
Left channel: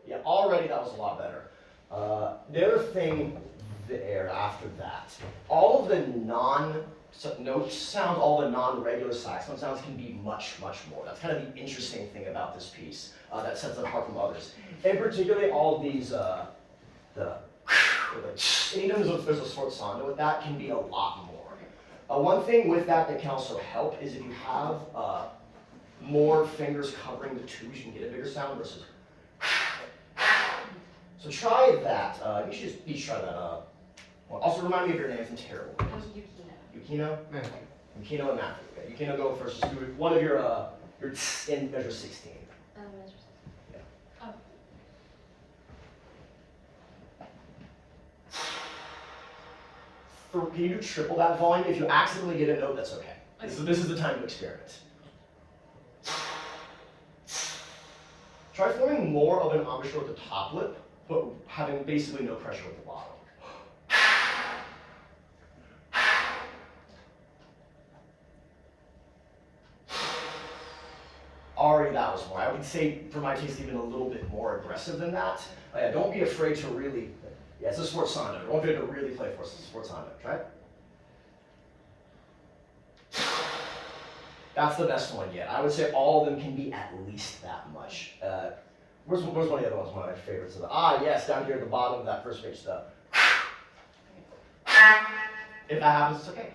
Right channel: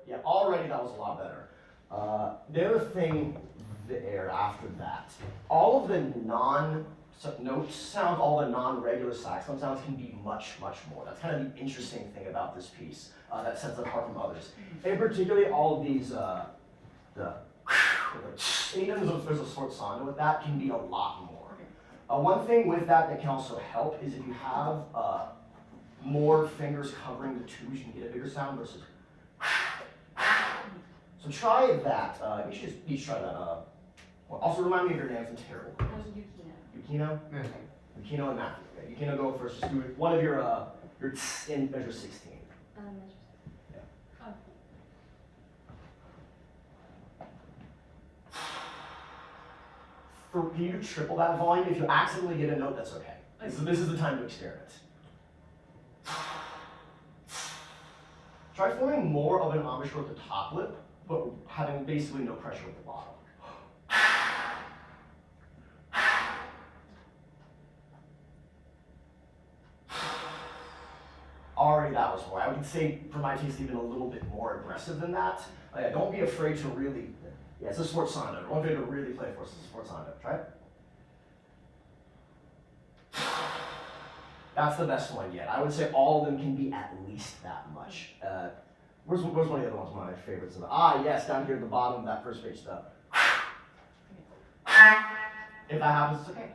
Yeah, already that was a lot better. The other thing there after that, all of the note sounds, all the non-regular saxophone sounds can be much, much more. That's kind of the interesting thing about this piece that sets it apart from others. And particularly all of these, anytime there's a short sondo with that, can be a lot more. One thing with that can also help is if you have more fingers covering the twos, you can get a bigger sound versus. So try that. You should just each try that. Well, also remind me of your names. I'm terrible. Yukino? Matthew. Yukino and Matthew. Okay. Yukino, go first. Just do one of your in measure 16. Yeah. Oh. Can you do triple that volume? If you accidentally get a note, that's okay. This is the time to experiment. Try forming more of an embouchure at the top lip, but having basically no pressure at the bottom. Already that was more. I would say, for my taste, even a little bit more aggressive than that. Yeah, don't be afraid to really, yeah, it's a sforzando. Don't be afraid to really play for us. It's a sforzando. Try it. That's the best one yet. I would say all of them can be at least that much. Where's one of the other ones? One of my favorites. Yes, down here at the bottom of that first page. The if that happens, it's okay.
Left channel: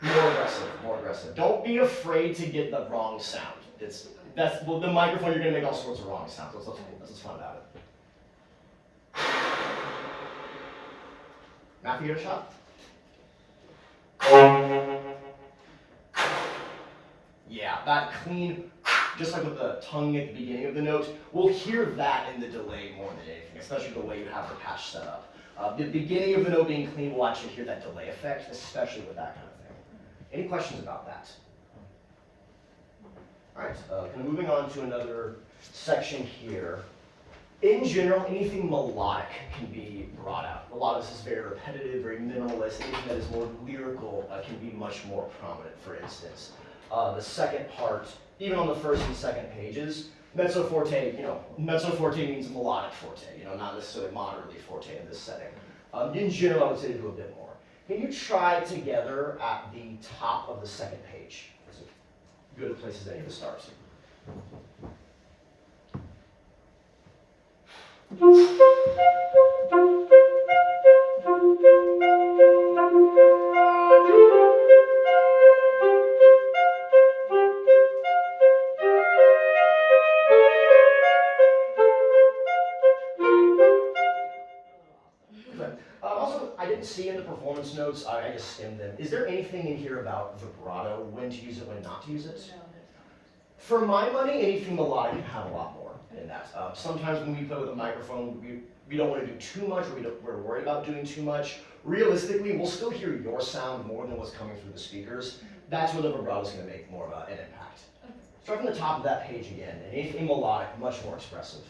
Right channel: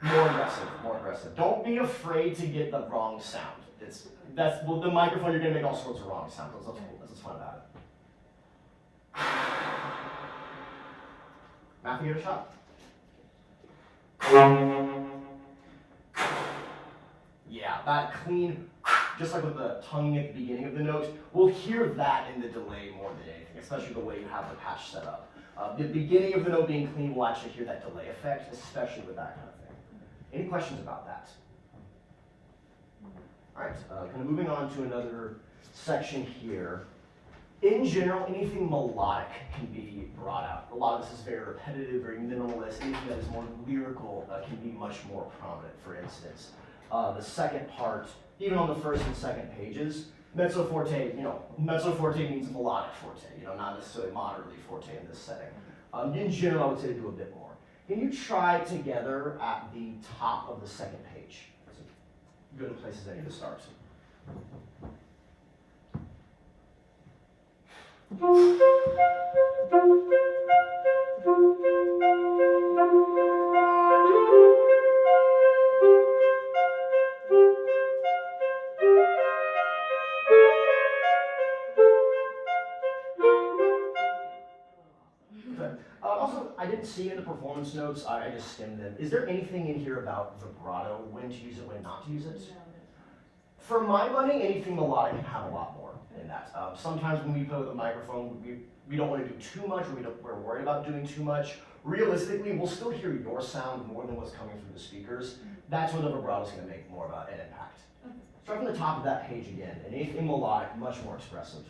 More aggressive, more aggressive. Don't be afraid to get the wrong sound. Well, the microphone, you're gonna make all sorts of wrong sounds. That's what's fun about it. Matthew, get a shot? Yeah, that clean, just like with the tongue at the beginning of the note, we'll hear that in the delay more than anything, especially the way you have the patch set up. The beginning of the note being clean, we'll actually hear that delay effect, especially with that kind of thing. Any questions about that? All right, kind of moving on to another section here. In general, anything melodic can be brought out. A lot of this is very repetitive, very minimalist. Anything that is more lyrical can be much more prominent, for instance. The second part, even on the first and second pages, mezzo forte, mezzo forte means melodic forte, not necessarily moderately forte in this setting. In general, I would say to do a bit more. Can you try together at the top of the second page? It's a good place as any to start. Also, I didn't see in the performance notes, I just skimmed them. Is there anything in here about vibrato, when to use it, when not to use it? For my money, anything melodic can have a lot more in that. Sometimes when we play with a microphone, we don't want to do too much, or we're worried about doing too much. Realistically, we'll still hear your sound more than what's coming through the speakers. That's where the vibrato is going to make more of an impact. Start from the top of that page again, and anything melodic, much more expressive.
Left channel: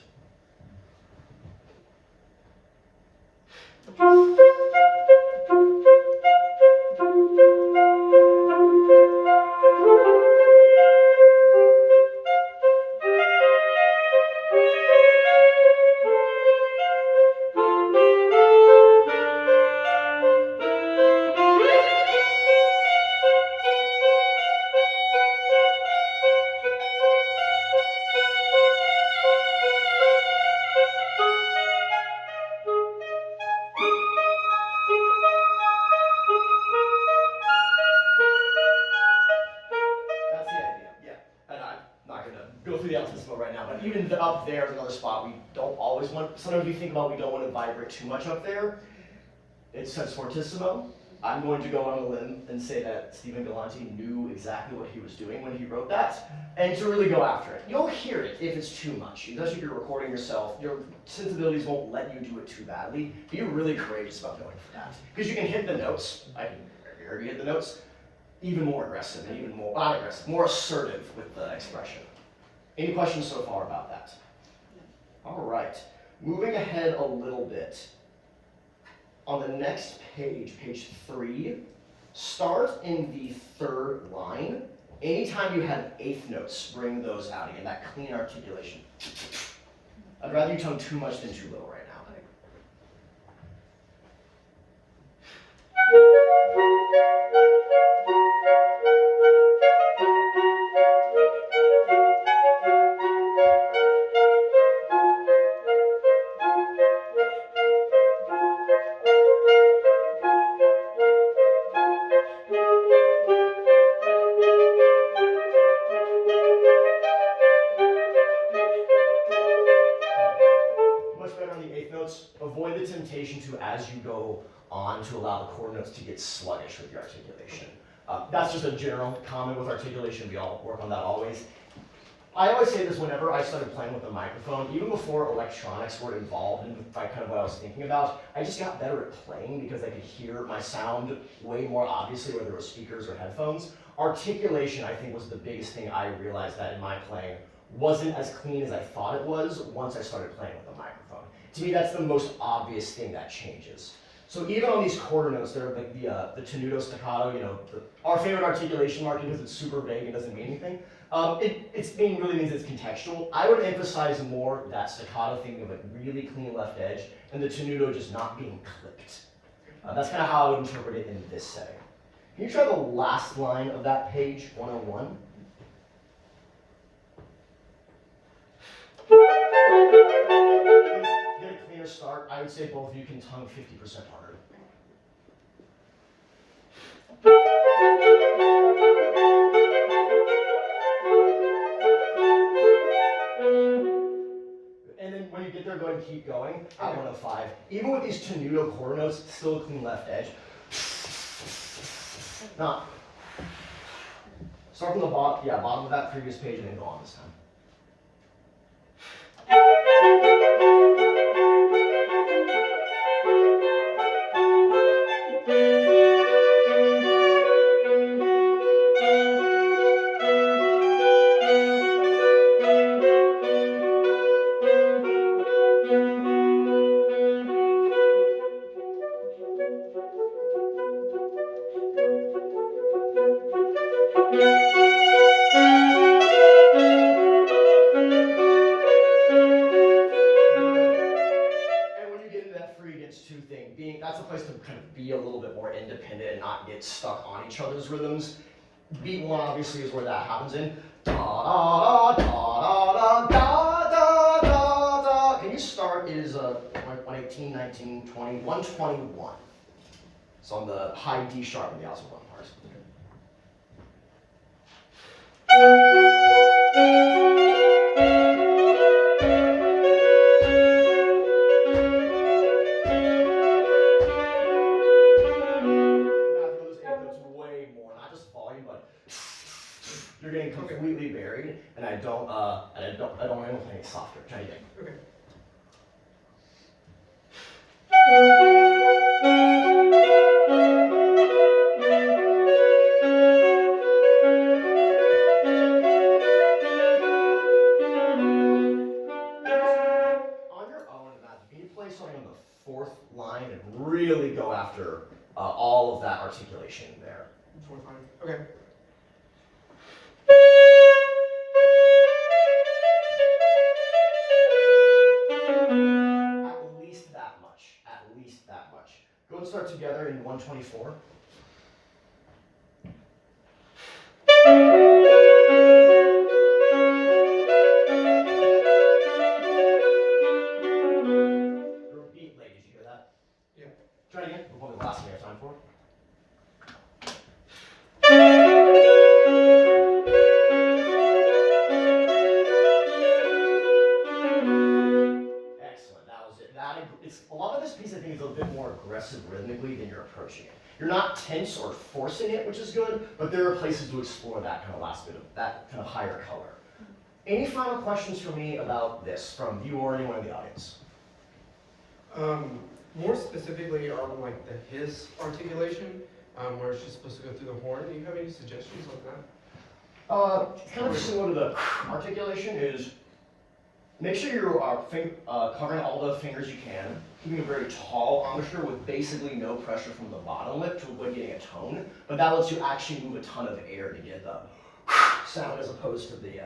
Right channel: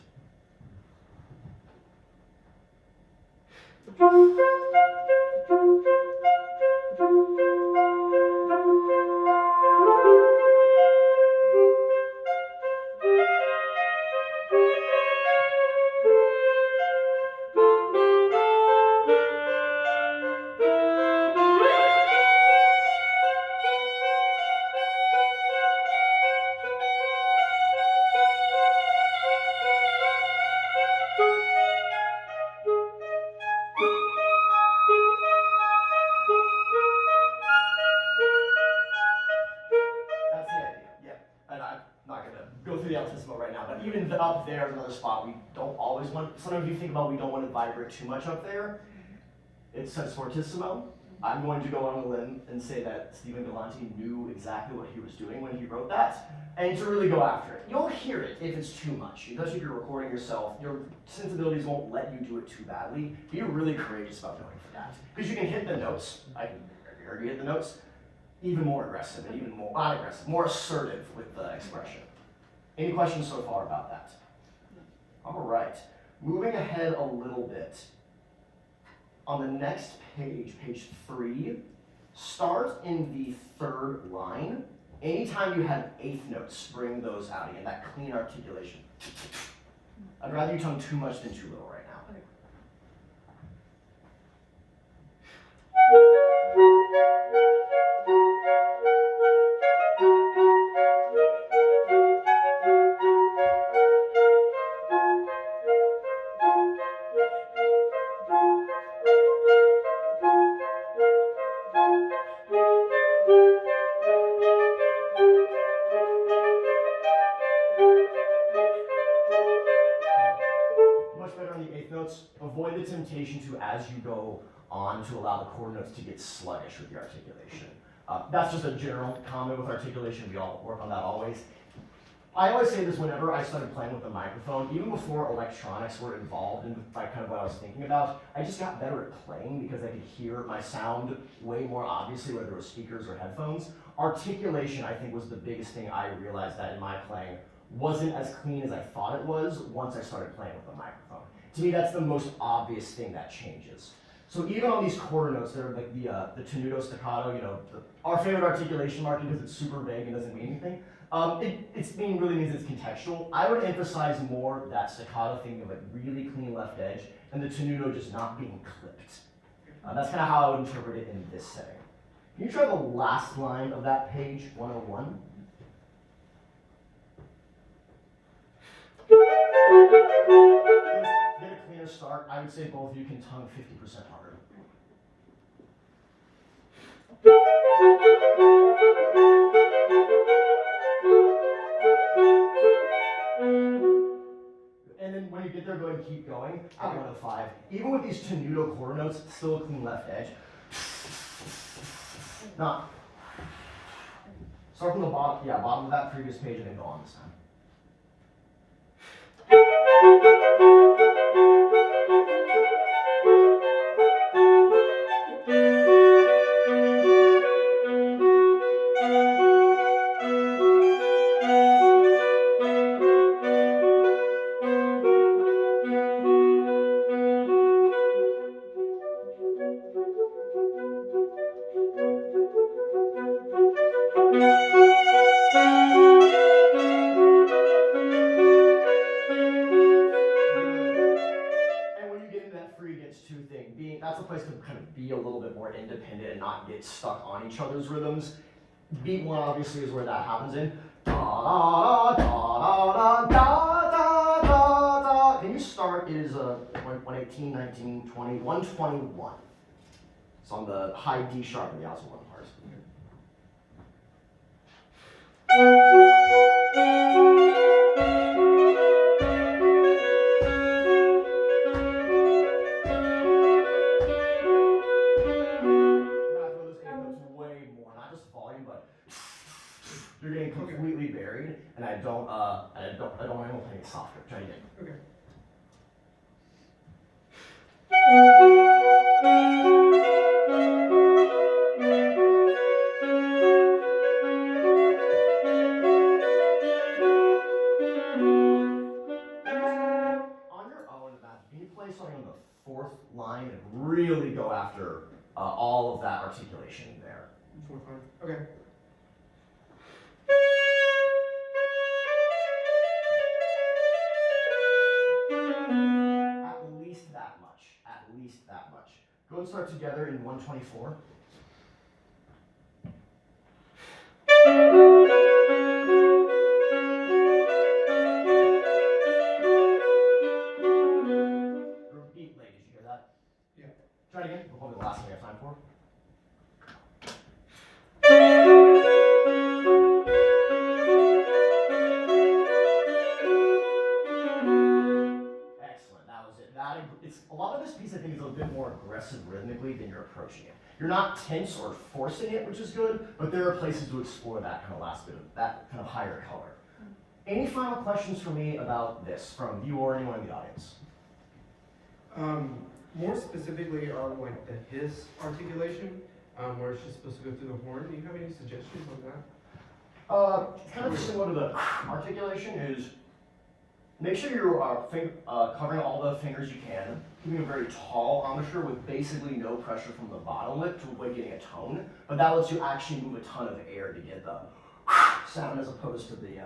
Even up there is another spot we don't always want. Sometimes we think about we don't want to vibrate too much up there. It says fortissimo. I'm going to go on a limb and say that Stephen Galante knew exactly what he was doing when he wrote that, and to really go after it. You'll hear it if it's too much. Especially if you're recording yourself, your sensibilities won't let you do it too badly. Be really courageous about going for that. Because you can hit the notes. I heard you hit the notes. Even more aggressive, and even more, not aggressive, more assertive with the expression. Any questions so far about that? All right, moving ahead a little bit. On the next page, page 3, start in the third line. Anytime you have eighth notes, bring those out again, that clean articulation. I'd rather you tone too much than too little right now. Okay. Avoid the temptation to, as you go on, to allow the chord notes to get sluggish with your articulation. That's just a general comment with articulation. We all work on that always. I always say this whenever I started playing with the microphone, even before electronics were involved in kind of what I was thinking about, I just got better at playing because I could hear my sound way more obviously, whether it was speakers or headphones. Articulation, I think, was the biggest thing I realized that in my playing wasn't as clean as I thought it was once I started playing with the microphone. To me, that's the most obvious thing that changes. So even on these quarter notes, they're like the tenuto staccato, our favorite articulation mark because it's super vague and doesn't mean anything. It really means it's contextual. I would emphasize more that staccato thing of a really clean left edge and the tenuto just not being clipped. That's kind of how I would interpret it in this setting. Can you try the last line of that page, 101? Get a cleaner start. I would say both of you can tongue 50% harder. And then when you get there, go ahead and keep going at 105. Even with these tenuto quarter notes, still a clean left edge. Now, start from the bottom, bottom of that previous page and then go on this time. That's a place to kind of be a little bit more independent and not get stuck on each other's rhythms. Beat one obviously is where that happens in. Da da da da da da da da. Can you start is 118, 19, 20, 121. So on the high D sharp in the alto one part. You're getting completely buried, and I don't want anything any softer. Try again. Okay. On your own, can you play something on the fourth line and really go after all of that articulation there? Fourth line. Okay. At least that much. Go and start together in 124. Repeat, ladies, you hear that? Yeah. Try it again. We'll probably the last thing we have time for. A lot of this piece, I think, is a bit more aggressive rhythmically than you're approaching it. You're not tense or forcing it, which is good, but there are places to explore that kind of last bit of that kind of higher color. Any final questions for me about this from you or anyone in the audience? More specifically on like the his articulation, where it's just supposed to go through the horn. Do you have any suggestions on that? Kind of similar to the articulation is. Make sure you're covering all the fingers you can, keeping a very tall embouchure with basically no pressure from the bottom lip to avoid getting a tone, but that lets you actually move a ton of air to get the sound as opposed to the,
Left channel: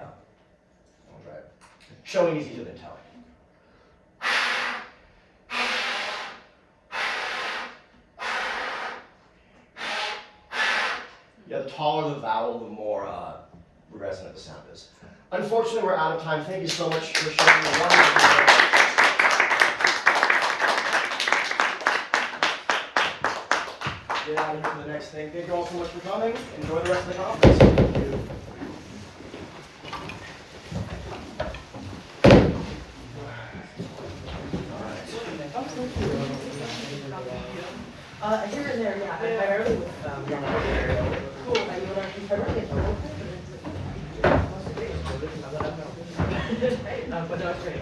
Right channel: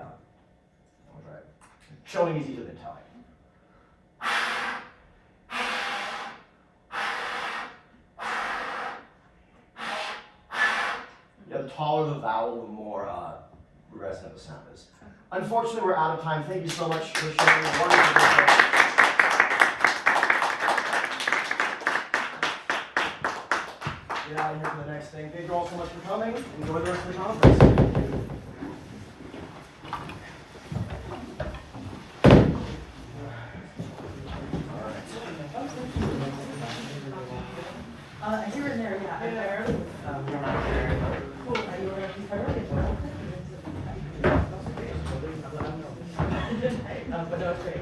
showing is easier than telling. Yeah, the taller the vowel, the more resonant the sound is. Unfortunately, we're out of time. Thank you so much for sharing your wonderful video. Get out of here for the next thing. Thank you all so much for coming. Enjoy the rest of the conference. Here and there, yeah. Barely with cool. How you want to keep everything? Hey, no, but no, it's great.